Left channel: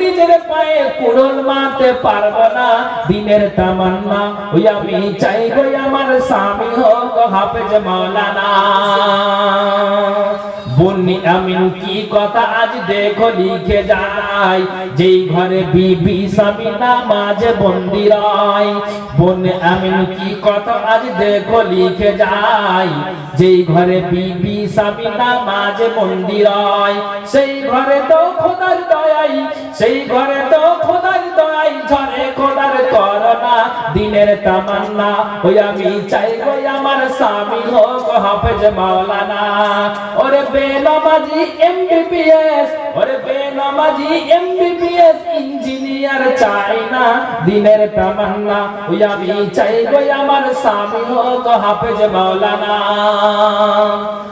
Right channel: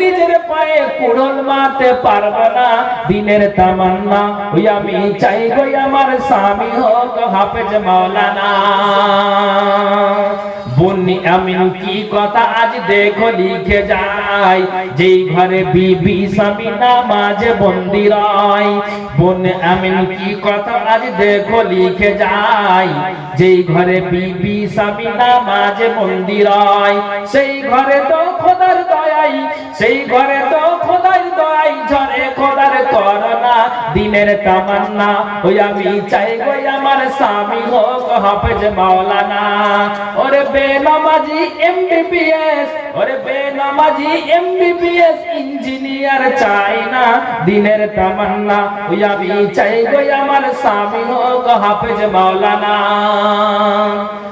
নিজের পায়ে কুড়োল মারতে পারবো না, দিনের তামান্না ওই আমি চাই গো আমার স্বামী হোক হাফেজ মাওলানা। বন্নি আমিন কি কথা আজ দেখো লিখে যায়, যেই ঘরে বিবি স্বামী নামাজে বন্দি রয়। বন্নি আমিন কি কথা আজ দেখো লিখে যায়, যেই ঘরে বিবি স্বামী নামাজে বন্দি রয়। সেই ঘরে তো খোদার দয়াই, সেই ঘরে তো খোদার দয়াই ঝরে খোদার করোনা, দিনের তামান্না ওই আমি চাই গো আমার স্বামী হোক হাফেজ মাওলানা। ওরে বেনামাজি এমবিবিএস, ওরে বেনামাজি এমবিবিএস ইঞ্জিনিয়ার চাই না, দিনের তামান্না ওই আমি চাই গো আমার স্বামী হোক হাফেজ মাওলানা।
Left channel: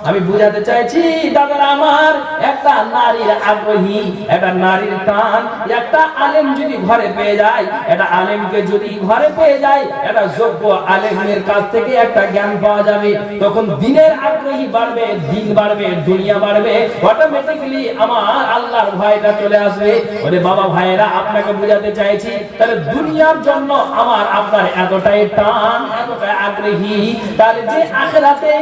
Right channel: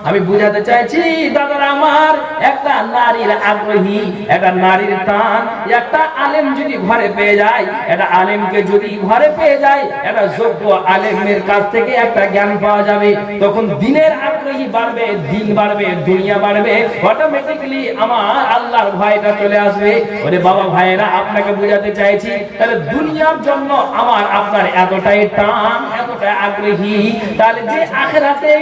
আমি বুঝাতে চাইছি দাদারা আমার, একটা নারীর আগ্রহী, একটা নারীর টান, একটা আলেম যদি ঘরে পেয়ে যায়, একটা আলেমকে যদি ঘরে পেয়ে যায়, একটা যোগ্য আলেমের কাছ থেকে একটা জ্ঞান পাওয়া যাবে, তখন দিনের আগ্রহী বাড়বে, দিন বাড়বে, দুনিয়া বাড়বে, অটোমেটিক্যালি আমার আল্লাহর ভয়টা চলে আসবে। ওরে বাবা ভাইরা, আপনাকে বুঝাতে চাইছি, তাহলে দুনিয়ার জন্য আমার আপনার এতটাই টান, এতটাই আগ্রহী, তাহলে যে আখিরাতে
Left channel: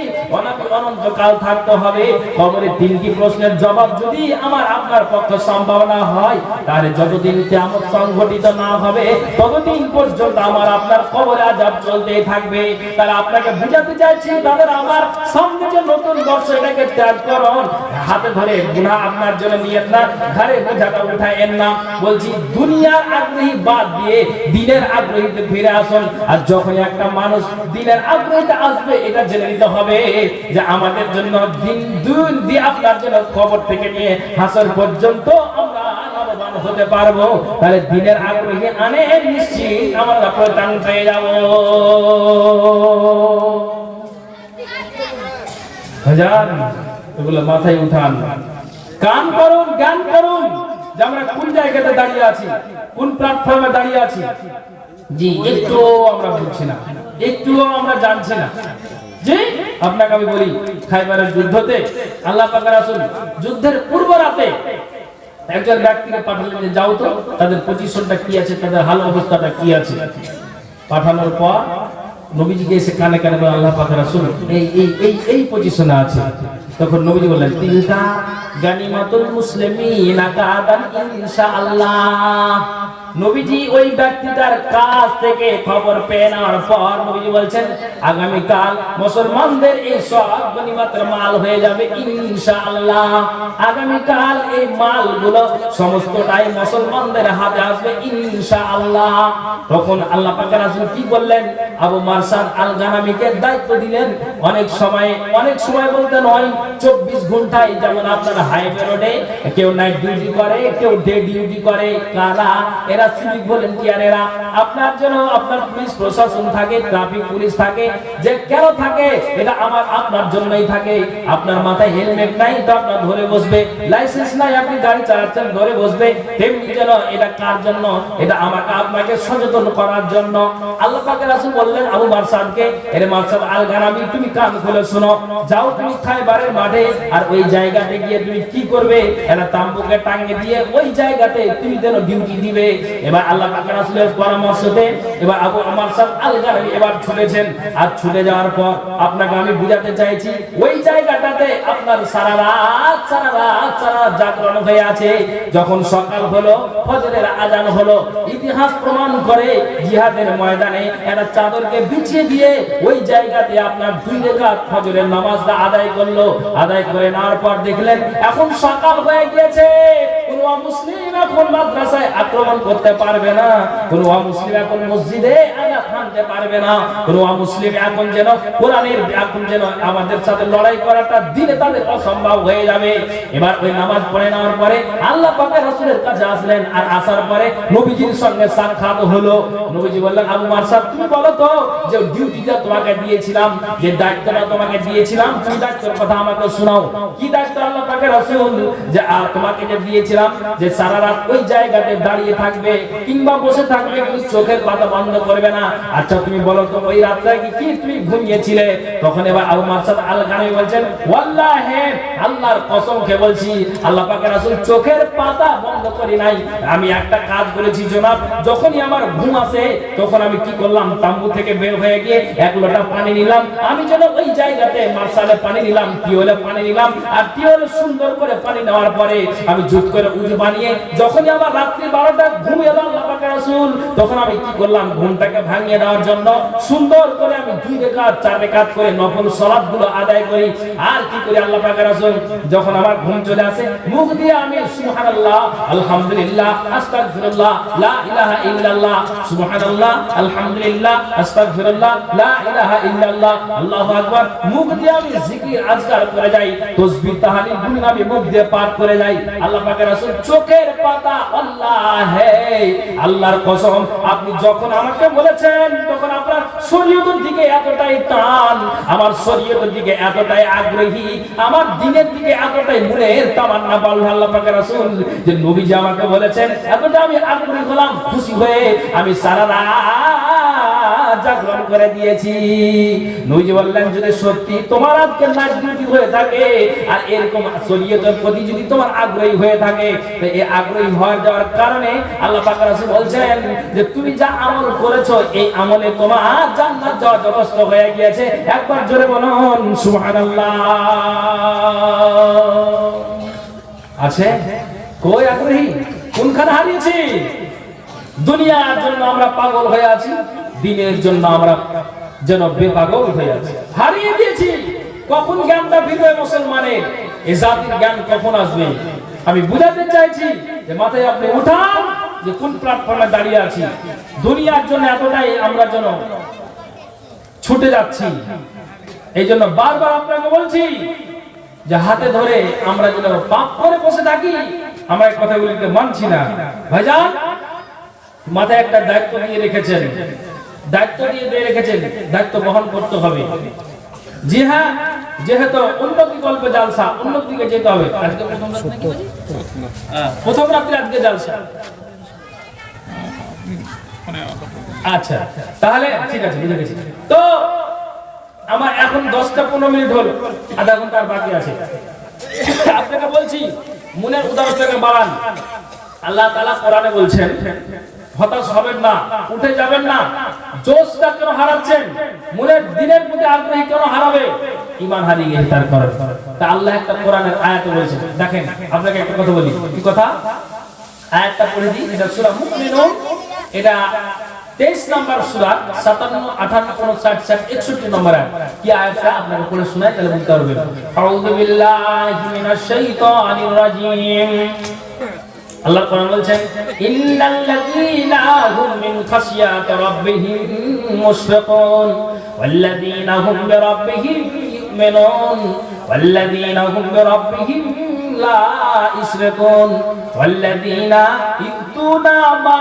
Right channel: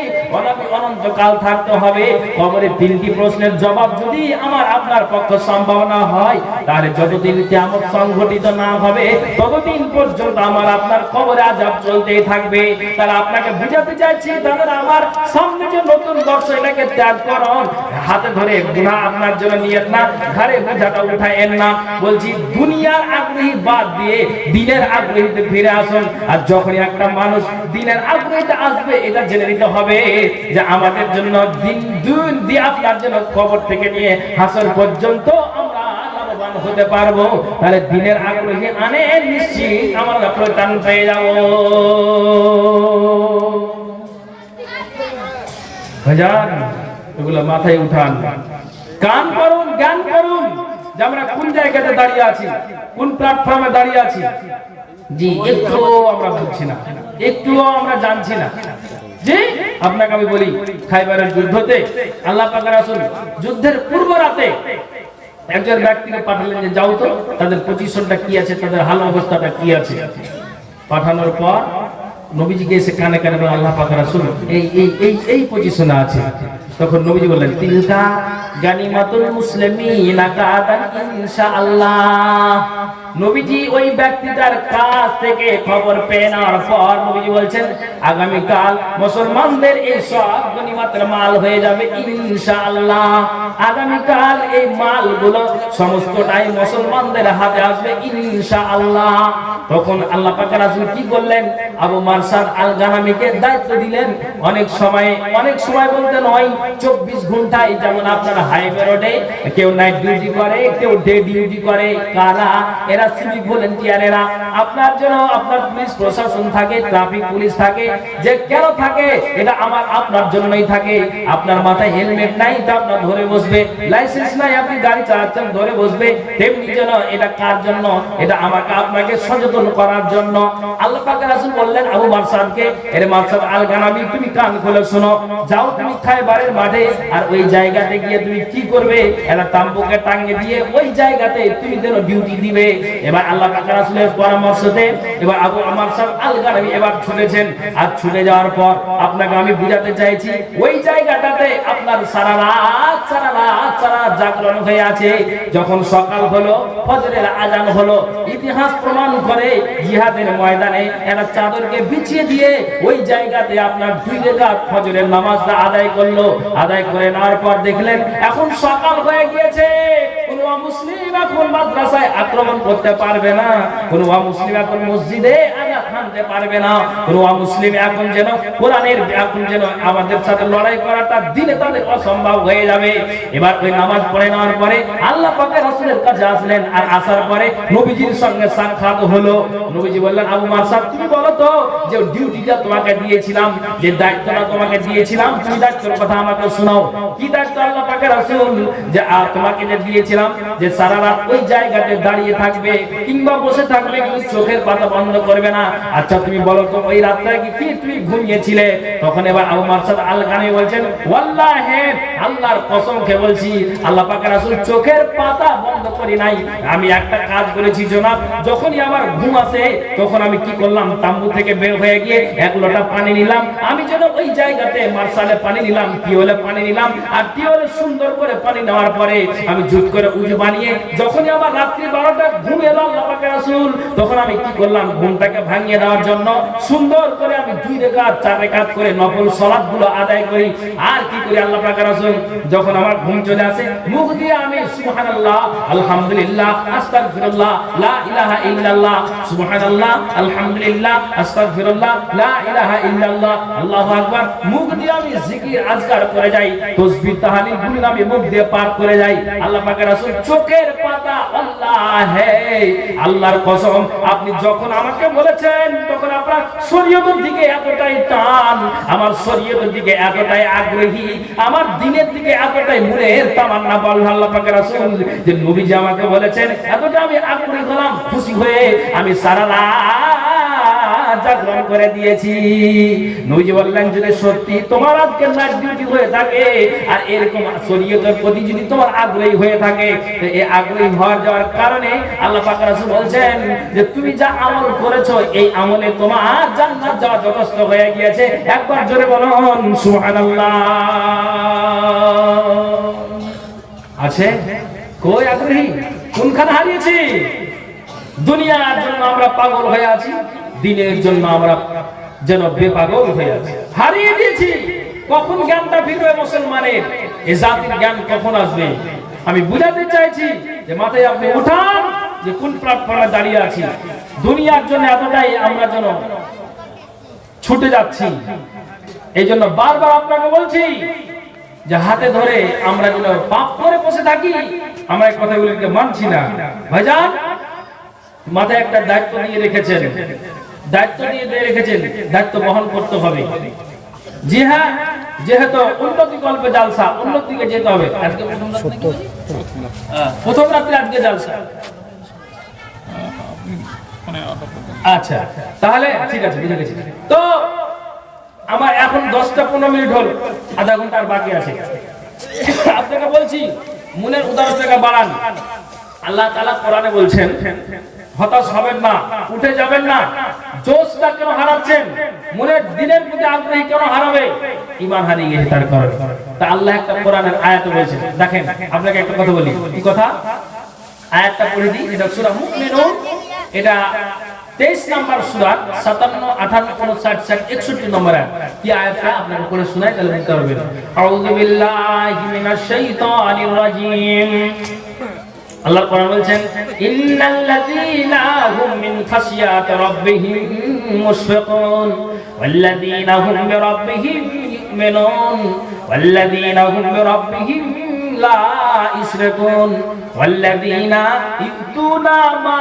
অনন্তকাল থাকতে হবে, কবরে তিনটি প্রশ্নের জবাব যদি আমার আপনার পক্ষে সম্ভাবনা হয়, তাহলে যতদিন কিয়ামত সংঘটিত না হবে ততদিন পর্যন্ত আমার আপনার কবরে আযাব চলতেই থাকবে। তাহলে আপনাকে বুঝাতে চাইছি দাদারা আমার, সামনে যে নতুন বর্ষ, এটাকে ত্যাগ করুন, হাতে ধরে গুনাহ আপনার জন্য নিয়েন না, ঘরে বোঝাটা উঠায়েন না। বলছি দুনিয়ার আগ্রহী বাদ দিয়ে দিনের আগ্রহীতে ফিরে আসুন। আর যখন একটা মানুষ দিনের আগ্রহীতে আসবে, এটা জেনে নিতে হবে যে আমাদের জন্য দিন দিয়ে আপনার জন্য কবর থেকে নিয়ে হাসর পর্যন্ত আমরা লাভবান হতে পারবো। তাহলে দিনের আগ্রহী আনে নিশ্চিত আমরা প্রদান পেয়ে যাব। ভাইজান, এগুলো মাথায় উঠান, কান করুন, জ্ঞান করুন যে আমরা কোন জায়গাতে দাঁড়িয়ে আছি, কোন প্ল্যাটফর্মে দাঁড়িয়ে আছি। জি, একটুও আমরা বুঝছি না, একটুও আমরা জানছি না। জি, আপনাকে আমি বলি, খাইবারের যুদ্ধতে আল্লাহ পাক রাসূল যুদ্ধের পূর্ব রাতে একজন ব্যক্তিকে পাঠালেন যে যাও তো তাদের পজিশনটা কি আছে, তাদের হাল অবস্থাটা কি আছে। পাঠানোর পর নবীজিকে এসে কানে কানে বলেন আল্লাহ পাক রাসূল এই এই এই এই পজিশনে আছে। তখন নবীজি বললেন তিলকা গানিমাতুল মুসলিমিনা গাদান ইনশাআল্লাহ। নবীজি ওই ব্যক্তিটার কাছ থেকে খবর পেয়ে নেওয়ার পর নবীজি বলছেন আগামী কাল মুসলমানদের এই সব গনিমতের মাল হয়ে যাবে ইনশাআল্লাহ। আগামী কাল এই মালগুলো সমস্তটাই মুসলমানদের হাতে আসবে ইনশাআল্লাহ। তখন আল্লাহ পাক রাসূল কি বললেন, আবু মারসাদ আল গানামীকে দায়িত্ব দিলেন। অনেক সময় বলতে নয়, 24 ঘন্টায়, যেমন আপনার হাইওয়ে রোডে কেউ নাইট ডিউটি করে, কেউ ডে ডিউটি করে, কারা এরা সিভিক ভলান্টিয়ারেরা। আপনার জন্য আপনার পুলিশ প্রশাসন থাকে, ট্রাফিক পুলিশ থাকে, যে কেন থাকে এটা আমার আপনার জন্যই থাকে। আপনার মাথায় হেলমেট নাই তা আপনার ধরে বসবে, লাইসেন্স নাই আপনি গাড়ি চালাচ্ছেন ধরে বসবে, তেমনি যেন এটা কার জন্য, এটা আমাকে আপনাকে সচেতন করার জন্য। আল্লাহ পাক রাসূল বললেন আবু মারসাদকে, এরে মারসাদ আল গানামী তুমি কান খুলে শোনো, যাও তুমি খায়বারের মাঠে, আর ওই জায়গাতে গিয়ে তুমি কি করবে, এটা তাম্বুকে টাঙিয়ে দিয়ে ওই জায়গাতে তুমি যেন ডিউটি দিবে। এবার আল্লাহ পাক রাসূলের পরামর্শতে এবার আবু মারসাদ আল গানামী এবার ছুটেছেন। আর ছুটে যাওয়ার পর আপনাকে আমি বুঝাতে চাইছি, ওই জায়গাটাতে আপনার সারা রাত জাগরণ হয়ে আছে। যখন সকাল হলো, ফজরের আজান হলো, ইতিহাস প্রমাণ করে জিহাদের ময়দানে একটা চাদরকে বিছিয়ে দিয়ে ওই জায়গাতে আপনার 2 রাকাত ফজরের নামাজটা আদায় করলো। আদায় করে নেওয়ার পর দেখলেন এখন সকাল হয়ে গিয়েছে, কোন মুসলিম এখন মাদ্রাসায় আক্রমণ করতে পারবে না, কোন মুসলিম এখন মসজিদে আয়াত হানতে পারবে না, কোন মুসলিম এখন যেন কোরআনের এখন যেন আমাদের সাথে লড়াই করাটা দিলে তাদের অসম্ভব হয়ে যাবে। এবার ওই নামাজ পড়ে নেওয়ার পরে আল্লাহ পাকের রাসূলের কাছে আসলেন। আর আসার পরে নবীজির সঙ্গে সাক্ষাৎ হলো। নবীজি বললেন আবু মারসাদ তুমি বলো তো, যে ডিউটিটা তোমাকে দিয়েছিলাম, যে দায়িত্বটা তোমাকে দিয়েছিলাম, তুমি দায়িত্বের কথা আমাকে শোনাও। কি দায়িত্ব আল্লাহ পাকের রাসূল, যে তোমাকে যে দিয়েছিলাম যে সারা রাত ওই জায়গাতে দাঁড়িয়ে থাকবে কিংবা বসে থাকবে, কিন্তু চোখের পাতা বন্ধ করবে না। আচ্ছা তুমি বলো তো ওই রাতটা কি তুমি ঘুমিয়েছিলে? তখন এবার আবু মারসাদ আল-গানামি বলছেন, ওয়াল্লাহি আল্লাহর কসম খেয়ে বলছি, আল্লাহ পাকের রাসূল চোখের পাতা বন্ধ করি নাই। আমি একটা কাজ করেছি জনাব, যখনই আমার ঘুম আসে তখন আমি কি করলাম, তাম্বু থেকে বের হয়ে গিয়ে এক লোটা পানি নিলাম। আমি যেন ওই জায়গাতে মার্শালে পানি নিলাম, টিওলে পানি নিলাম, আর টিওলে সুন্দর করে পানি নেওয়ার পরে আমি জুত করে উজু বানিয়ে যখনই আমার রাত্রি 12টা ঘুম এলো আল্লাহ পাকের রাসূল, তখন আমি কি করলাম, ঘুমটাকে ভাঙিয়ে দেওয়ার জন্য সুন্দর করে আমি 2 রাকাত 4 রাকাত করে নফল সালাতগুলো আদায় করি। আর কি করি আল্লাহ পাকের রাসূল, যখন আমার ঘুম চলে আসে মুখ দিয়ে আমি সুবহানাল্লাহ আলহামদুলিল্লাহ আস্তাগফিরুল্লাহ লা ইলাহা ইল্লাল্লাহ সুবহানাল্লাহ আলহামদুলিল্লাহ আস্তাগফিরুল্লাহ লা ইলাহা ইল্লাল্লাহ আল্লাহু আকবার, মুখ দিয়ে আমি জিকির আজকার করে যাই, তাসবিহ তাহলিল গুলো আমি মুখ দিয়ে পাঠ করে যাই। আল্লাহ পাকের রাসূল চোখের পাতা, আল্লাহে আল্লাহর কসম, আপনি যখন আমাকে বলেছেন তখন আপনার শরীয়তের দিকে এতটাই টান, আমার শরীয়তের দিকে এতটাই আগ্রহী, আমার দ্বীনের দিকে এতটাই মনের তামান্না বল আল্লাহ পাকের রাসূল, যে নবীজি আমাকে বলেছেন, এতটা আমি আগ্রহী হলাম, খুশি হয়ে আমি সারা রাত জাগরণ করে দিয়েছি। নবীজি বললেন, যদি সত্যি তোমার আজকে নাইট ডিউটি হয়ে থাকে আর এরকম শরীয়তের প্রতি যদি তোমার আগ্রহী হয়ে থাকে, এই আগ্রহী হওয়ার যাওয়ার কারণে আল্লাহ পাক রাসূল বলছেন যে তুমি যা আমল করেছো এই আমলে তোমার জান্নাত যাওয়া যথেষ্ট হয়ে গিয়েছে। একবার জোরে বলুন সুবহানাল্লাহ। আছে কই আগ্রহী? কোনখানে হারিয়েছি? দুনিয়ার জন্য আমরা পাগল হয়ে আছি, দিনের জন্য আমরা যেন বেপাগল হয়ে আছি, হারিয়ে দিয়েছি। কখন জ্ঞানটা ফিরবে মুসলমানের? এ জাতির জ্ঞান কখন আসবে? আমি বুঝাতে চাইছি যে মাথায় আপনি উঠান যে কোন প্ল্যাটফর্মে দাঁড়িয়ে আছি। দুনিয়ার জন্য এতটাই আমরা যেন ছুটে যাচ্ছি, এই জন্য বারবার আপনাকে বলছি যে হাতে ধরে আমরা যেন পাপ করে বসে থাকি, আমরা এই কথাগুলিকে মানছি না। ভাইজান মাথায় একটা দায়িত্ব দিয়ে রেখেছেন, দায়িত্ব বহন করতে হবে। জি হ্যাঁ, যেহেতু উন্নতি কল্পে জালসা, উন্নতির দিকে যেতে হবে। আজকে প্রথম রাত্রে আজকে জালসা। আচ্ছা তাহলে ঠিক আছে, বুঝে গেছি। তো আমার এখন 10টা 15 মিনিট হলো, আধা ঘন্টা আর বাকি আছে। আপনাকে বলছি মনের উদারতাকে বাড়ান। আল্লাহ তাআলা কোরআনে বলছেন, হতাশ হবেন না, উঠে যাবেন না। জোশটা কেন হারাচ্ছেন? মনের দিনের প্রতি আগ্রহী কেন হারাবে? ঈমান হারিয়ে গেছে তার কারণে। তা আল্লাহ একটা কোরআনের আয়াতে বলেছেন, দেখেন আপনাকে একটা কথা বলি। কি কথা? আয়াতটা পড়ে দিই। এটা সূরা মুমিনুন, এটা 23 নম্বর সূরা, 57, 58, 59, 60, 61 নম্বর আয়াত। কি আয়াতটা আপনাকে পড়ে শোনাই, তাহলে বুঝতে পারবেন। আউযু বিল্লাহি মিনাশ শাইতানির রাজীম। আল্লাহ কোরআন বলছেন, ইন্নাল্লাযীনা হুম মিন খাশিয়াতি রাব্বিহিম মুশফিকুন ওয়াল্লাযীনা হুম বিরাব্বিহিম ইউমিনুন ওয়াল্লাযীনা হুম বিরাব্বিহিম লা ইশরিকুন ওয়াল্লাযীনা ইউতুনা মা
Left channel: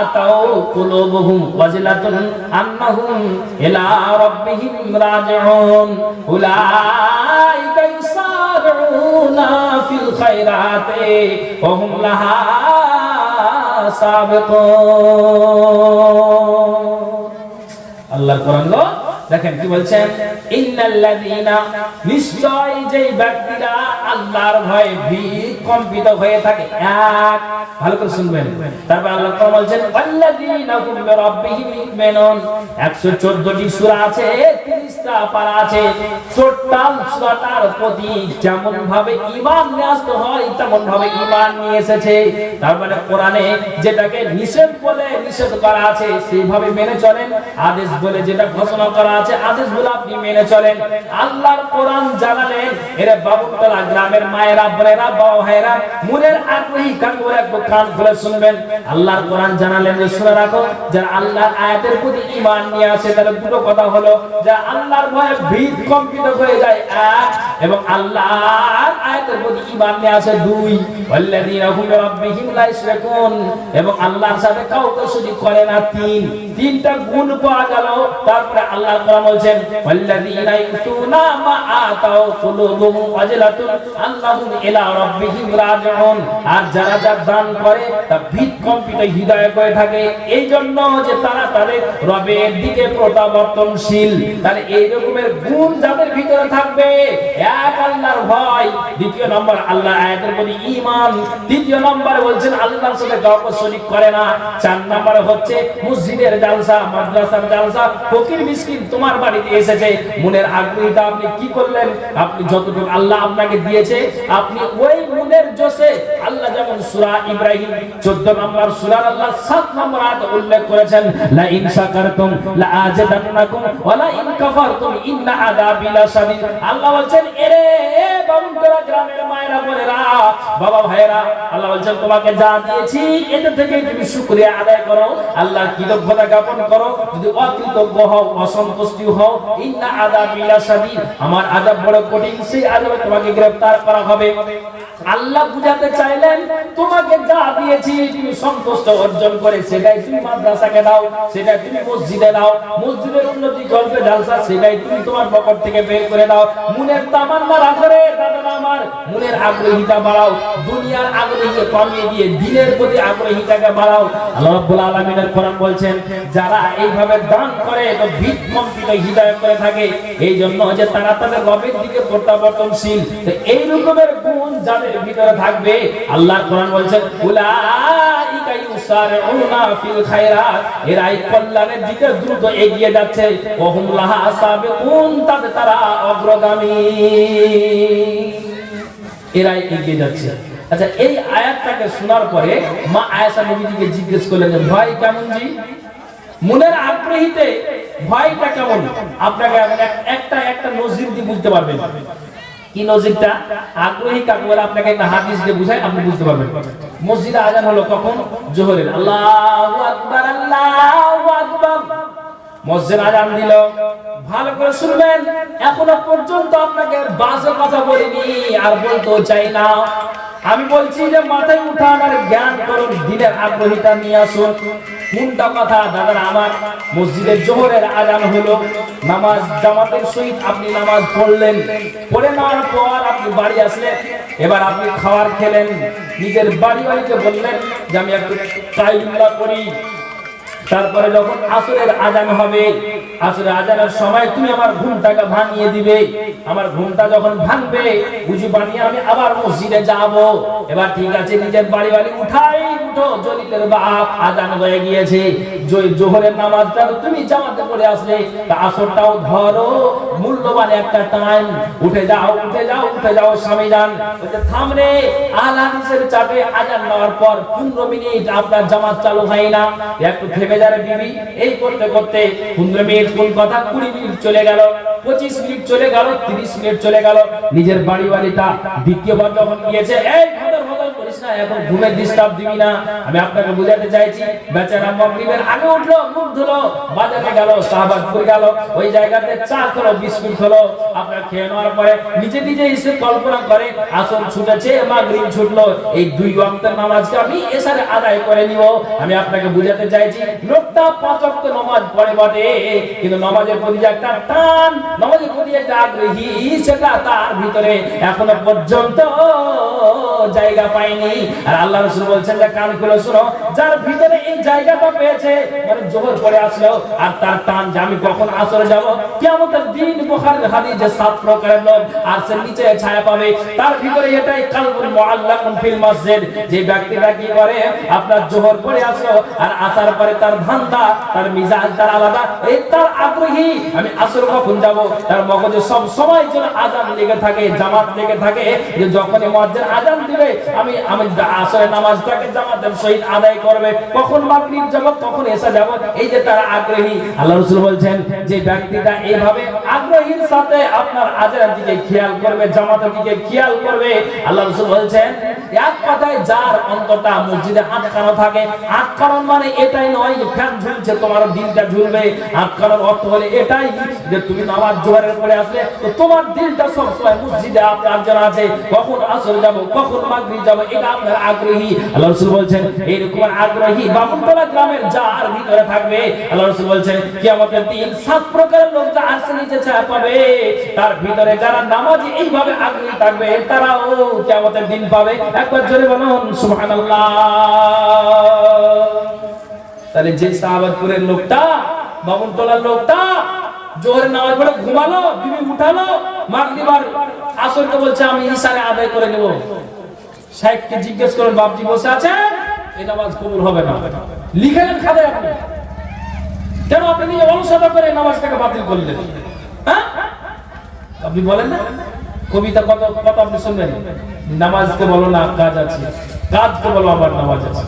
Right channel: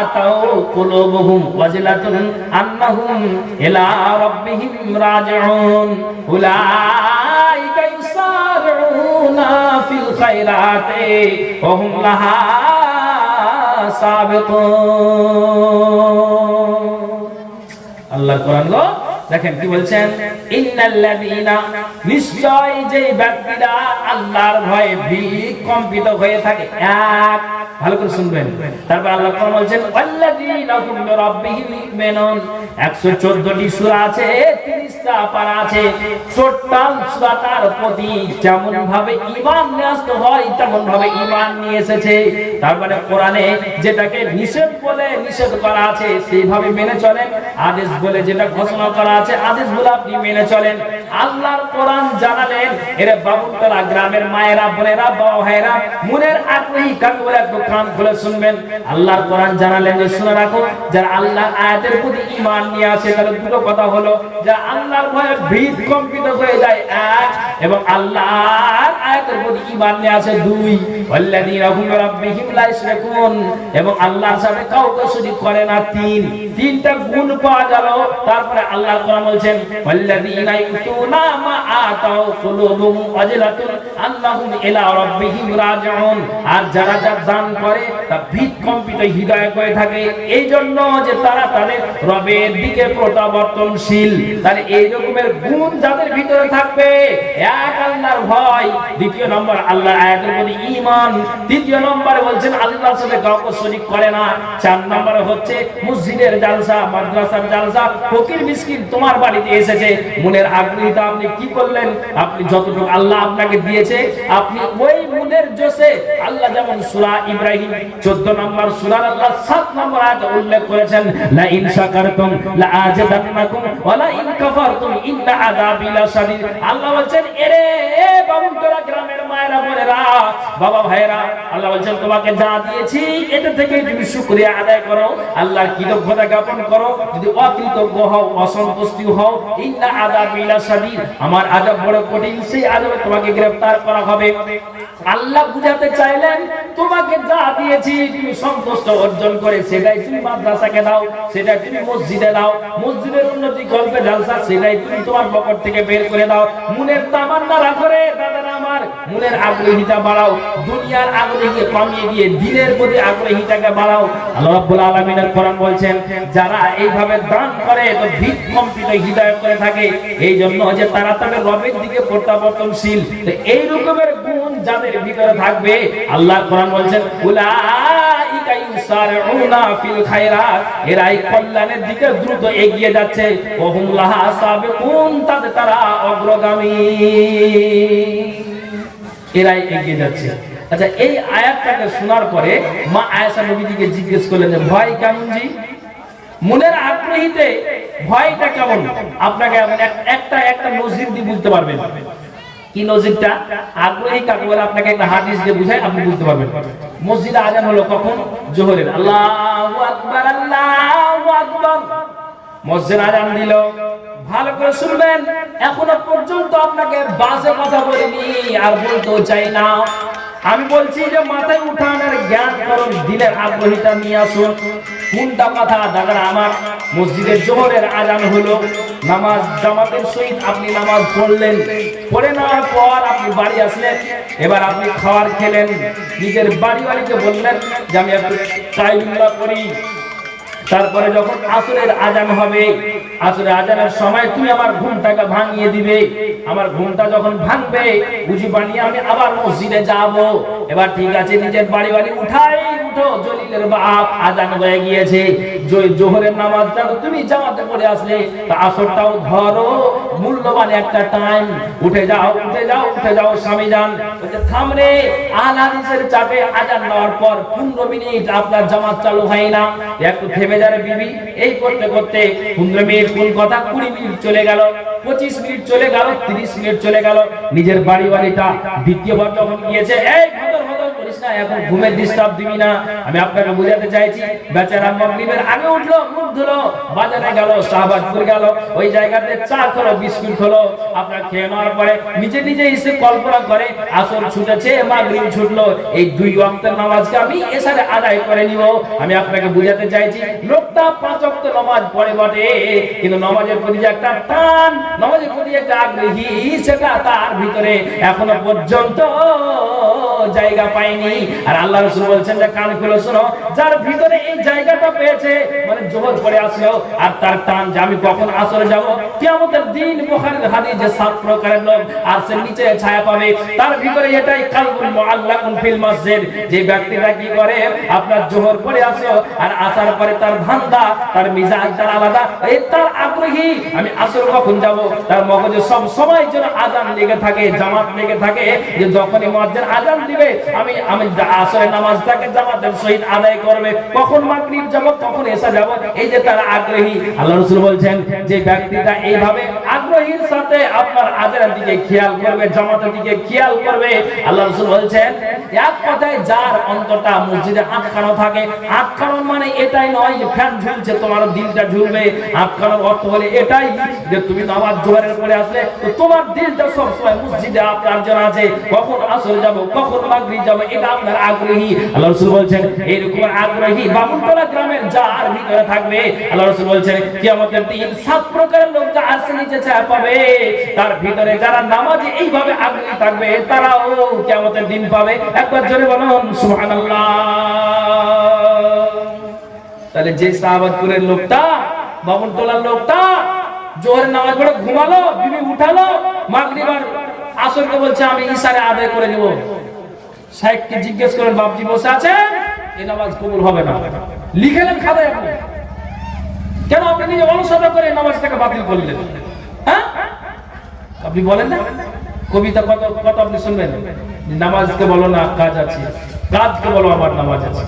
আতাউ কুলুবুহুম ওয়াজিলাতুন আন্নাহুম ইলা রাব্বিহিম রাজিউন উলাইকা ইউসারিউনা ফিল খায়রাতি ওয়া হুম লাহা সাবিকুন। আল্লাহর কোরআন গো, দেখেন কি বলছেন, ইন্নাল্লাযীনা, নিশ্চয় যে ব্যক্তিরা আল্লাহর ভয়ে বিকম্পিত হয়ে থাকে। এক, ভালো করে শুনবেন। তারপর আল্লাহ কোরআন বলছেন, ওয়াল্লাযীনা হুম বিরাব্বিহিম ইউমিনুন। 114টি সূরা আছে, 30টা পারা আছে। টোটাল সূরাটার প্রতি যেমন ভাবে ঈমান নিয়ে আসতে হয় তেমন ভাবে ঈমান নিয়ে এসেছে। তারপরে কোরআনে যেটাকে নিষেধ বলে নিষেধ করা আছে সেইভাবে মেনে চলেন, আদেশ বলে যেটা ঘোষণা করা আছে আদেশগুলো আপনি মেনে চলেন। আল্লাহর কোরআন জানালেন, এরা বাবুতলা গ্রামের মায়েরা, বোনেরা, বাবা ভাইরা, মনের আগ্রহী কাকে বলে একটু কান খুলে শুনবেন। আল্লাহর কোরআন জানালেন যে শুনে রাখো, যারা আল্লাহর আয়াতের প্রতি ঈমান নিয়ে আসে তাহলে দুটো কথা হলো, যারা আল্লাহর ভয়ে ভীত কম্পিত হয়ে যায়, এক, এবং আল্লাহর আয়াতের প্রতি ঈমান নিয়ে আসে 2 ওয়াল্লাযীনা হুম বিরাব্বিহিম লা ইশরাকুন এবং আল্লাহর সাথে কাউকে শরীক করে না 3টা গুণ পাওয়া গেল। তারপরে আল্লাহ কোরআন বলছেন ওয়াল্লাযীনা ইউতুনা মা আতাউ কুলুবুহুম ওয়াজিলাতুন আন্নাহুম ইলা রাব্বিহিম রাজিউন। আর যারা যা দান করে তা ভিতকম্পিত হৃদয় করে থাকে, এই জন্য যে তারা তাদের রবের দিকে প্রত্যাবর্তনশীল। তাহলে এই রকমের গুণ যাদের ভিতরে থাকবে, এক আল্লাহর ভয়, দ্বিতীয় নম্বর আল্লাহ আয়াতের প্রতি ঈমান, তৃতীয় নম্বরে বলছেন আল্লাহর সাথে কাউকে শরীক করে না, 4 নম্বরে হচ্ছে মসজিদের জালসা, মাদ্রাসার জালসা, ফকির মিসকিন তোমার বাড়িতে এসেছে, মনের আগ্রহীতা আপনি কি করলেন? আপনি যতটুকু আল্লাহ আপনাকে দিয়েছে আপনি ওই মনের জোশে আল্লাহ যেমন সূরা ইব্রাহিম 14 নম্বর সূরার আল্লাহ 7 নম্বর আয়াতে উল্লেখ করেছেন লা ইন শাকারতুম লা আযিদান্নাকুম ওয়া লা ইন কাফারতুম ইন্না আযাবি লাশাদীদ। আল্লাহ বলছেন এরে বাবুন্তরা গ্রামের মায়েরা বোনেরা বাবা ভাইরা, আল্লাহ বলছেন তোমাকে যা দিয়েছি এটা থেকে তুমি শুকরিয়া আদায় করো, আল্লাহর কৃতজ্ঞতা জ্ঞাপন করো। যদি অকৃতজ্ঞ হও, অসন্তুষ্টি হও, ইন্না আযাবি লাশাদীদ, আমার আযাব বড় কঠিন, সেই আযাবে তোমাকে গ্রেফতার করা হবে। আল্লাহ বুঝাতে চাইলেন তোমাকে যা দিয়েছি তুমি সন্তুষ্ট অর্জন করে সেটাই তুমি মাদ্রাসাকে দাও, সেটাই তুমি মসজিদে দাও, মসজিদের উন্নতি করবে জালসা সেটাই তুমি তোমার পকেট থেকে বের করে দাও। মনের তামান্না রাখো রে দাদারা আমার, মনের আগ্রহীতা বাড়াও, দুনিয়ার আগ্রহীকে কমিয়ে দিয়ে দিনের প্রতি আগ্রহীতাকে বাড়াও। আল্লাহ রাব্বুল আলামিনের কোরআন বলছেন যারা এইভাবে দান করে তো ভিতকম্পিত হৃদয় করে থাকে, এই জন্য যে তারা তাদের রবের দিকে প্রত্যাবর্তনশীল। এই রকমের গুণ যাদের ভিতরে থাকবে, আল্লাহর কোরআন বলছেন উলাইকা ইউসারিউনা ফিল খায়রাত, এরাই কল্যাণের দিকে দ্রুত এগিয়ে যাচ্ছে, ওহুম লাহা সাবিকুন, তারা অগ্রগামী, এরাই এগিয়ে যাচ্ছে। আচ্ছা, এই আয়াতটাকে শোনার পরে মা আয়েশা নবীজিকে জিজ্ঞেস করলেন যে ভয় কেমন জি? মনের আগ্রহীতে ভয়টা কেমন? আপনাকে একটা নজির দিয়ে বুঝতে পারবেন। কি নজিরটা? আগ্রহী কাকে বলে আপনাকে একটা হাদিস দিয়ে বুঝাই, আপনি বুঝতে পারবেন। মসজিদে আজান হলো কখন? জোহরের। আল্লাহু আকবার, আল্লাহু আকবার। মসজিদে আজান দিল, ভালো করে শুনবেন। এখনো পর্যন্ত আপনাকে বাজে কথা বলিনি আর বলতেও চাই না। আমি বলছি যে মাথায় উঠান আর জ্ঞান করুন, দিনের আগ্রহীতা নিয়ে আসুন। কোনটা কথা দাদারা আমার? মসজিদের জোহরের আজান হলো, নামাজ জামাতের সহিত আপনি নামাজ পড়লেন, পড়ে নেওয়ার পর আপনি বাড়ি আসলেন, এবার আপনি খাবার খেলেন, নিজের বাড়িতে বললেন যে আমি একটু কাইলুল্লাহ করি। তারপরে যখন আসরের আজান হবে, আসরের আজানের সময় তুমি আমার ঘুমটাকে ভাঙিয়ে দিবে। আমার ঘুমটা যখন ভাঙবে বুঝি বানিয়ে আমি আবার মসজিদে যাব। এবার ঠিক আছে, নিজের বাড়ি উঠো, জলিলের বাপ আজান হয়ে গিয়েছে, জোহরের নামাজটা তুমি জামাতে পড়ে আসলে, তা আসরটাও ধরো, মূল্যবান একটা টাইম, উঠে যাও স্বামী যান। থাম রে, আহলে হাদিসের চাপে আজান দেওয়ার পর 15 মিনিট আপনার জামাত চালু হয় না, একটু থেমে যাবে বিবি। এই করতে করতে 15 মিনিট কোন কথা 20 মিনিট চলে গেল, 25 মিনিট চলে গেল, 30 মিনিট চলে গেল। নিজের বাড়িওয়ালিটা দ্বিতীয়বার যখন গিয়েছে, এই ভদর করিস না, এখন ঘুমের ডিস্টার্ব দিবি না। আমি আপনাকে বুঝাতে চাইছি, বেচারা মাগরিবের আগে উঠলো, মুখ ধুলো, বাজারে গেল, শাহবাজপুর গেল, ওই জায়গাতে চা খেলো, বিস্কুট খেলো, আপনার খেয়ে নেওয়ার পরে নিজে এসে কল্পনা করে আসর ছুটেছে, মাগরিব ছুটলো, এই 2 ওয়াক্তের নামাজকে আমি এসারে আদায় করে নিব। আমি আপনাকে বুঝাতে চাইছি, লোকটা 5 ওয়াক্ত নামাজ পড়ে বটে, কিন্তু নামাজের প্রতি যে একটা টান, নামাজের প্রতি একটা আগ্রহী, সেটা তার ভিতরে এখনো পর্যন্ত জায়গা পায়নি। আর আল্লাহ রাসূল বলছেন যে কান খুলে শোনো, যার ভিতরে এই জায়গাটা পেয়েছে, মানে জোহর পড়ে আসলো আর তার টান যে আমি কখন আসরে যাব, কিয়ামতের দিন বুখারীর হাদিসে 7 প্রকারের লোক আর সে নিচে ছায়া পাবে, তার ভিতরে এটাই কালবুল মুআল্লাকুন ফিল মসজিদ। যে ব্যক্তিটা কি করে, আপনার জোহর পড়ে আসলো আর আসার পরে তার ধান্দা, তার মিজাজ তার আলাদা, এই তার আগ্রহী আমি আসর কখন যাব, তার মগজে সব সময় যেন আজান লেগে থাকে, জামাত লেগে থাকে, যে যখনই মুয়াজ্জিন আজান দিবে আমি আসরের নামাজটাকে জামাতের সহিত আদায় করবে, কখন মাগরিব যাব, কখন এশা যাব, এই যে তার আগ্রহী। আল্লাহ রাসূল বলছেন যে ব্যক্তিটা এইভাবে আগ্রহীর সাথে আপনার আজানের দিকে খেয়াল করবে, জামাতের দিকে খেয়াল করবে, আল্লাহ রাসূল বলছেন এক কথায় যার অন্তরটা মসজিদে আটকানো থাকে, আটকানো মানে এটাই নয় যে ফ্যান ঝুলছে তোমার দিলটা ঝুলবে। আটকানোর অর্থ হলে এটাই যে তুমি নামাজ জোহরের পরে আসলে তো তোমার দিলটা সবসময় মসজিদে আপনার জন্য আছে, কখন আসর যাব, কখন মাগরিব যাব, এটা আপনার আগ্রহী। আল্লাহ রাসূল বলছেন এইরকম আগ্রহী বামুনতলা গ্রামের যার ভিতরে থাকবে, আল্লাহ রাসূল বলছেন কিয়ামতের দিন 7 প্রকারের লোক যা আরশের নিচে ছায়া পাবে, তার ভিতরে যারা নামাজে এইভাবে আগ্রহী থাকবে তারাও কিয়ামতের দিন পাবে। একবার জোরে বলুন সুবহানাল্লাহ। তাহলে যে সাহাবাতুরের লোকটা, বামুনতলার লোকটা জোহরের নামাজ পড়ে ঘুমালো, বিবি উঠালো, মাগরিব আর আসরকে বলছে আমি ইশারে আদায় করে নেব। শাইখকে জিজ্ঞেস করেন বাপজি বসে আছে, এই নামাজ কবুল হবে না, লিখে নেন খাতায় আপনি। কেন আপনি নিজে অলসতা করে নামাজটাকে বাতিল করলেন? হ্যাঁ, আপনি বলেন না কবিতা কত কত আপনি শুনবেন, নামাজকে বলো না কাজ আছে, কাজকে বলো আমার নামাজ আছে।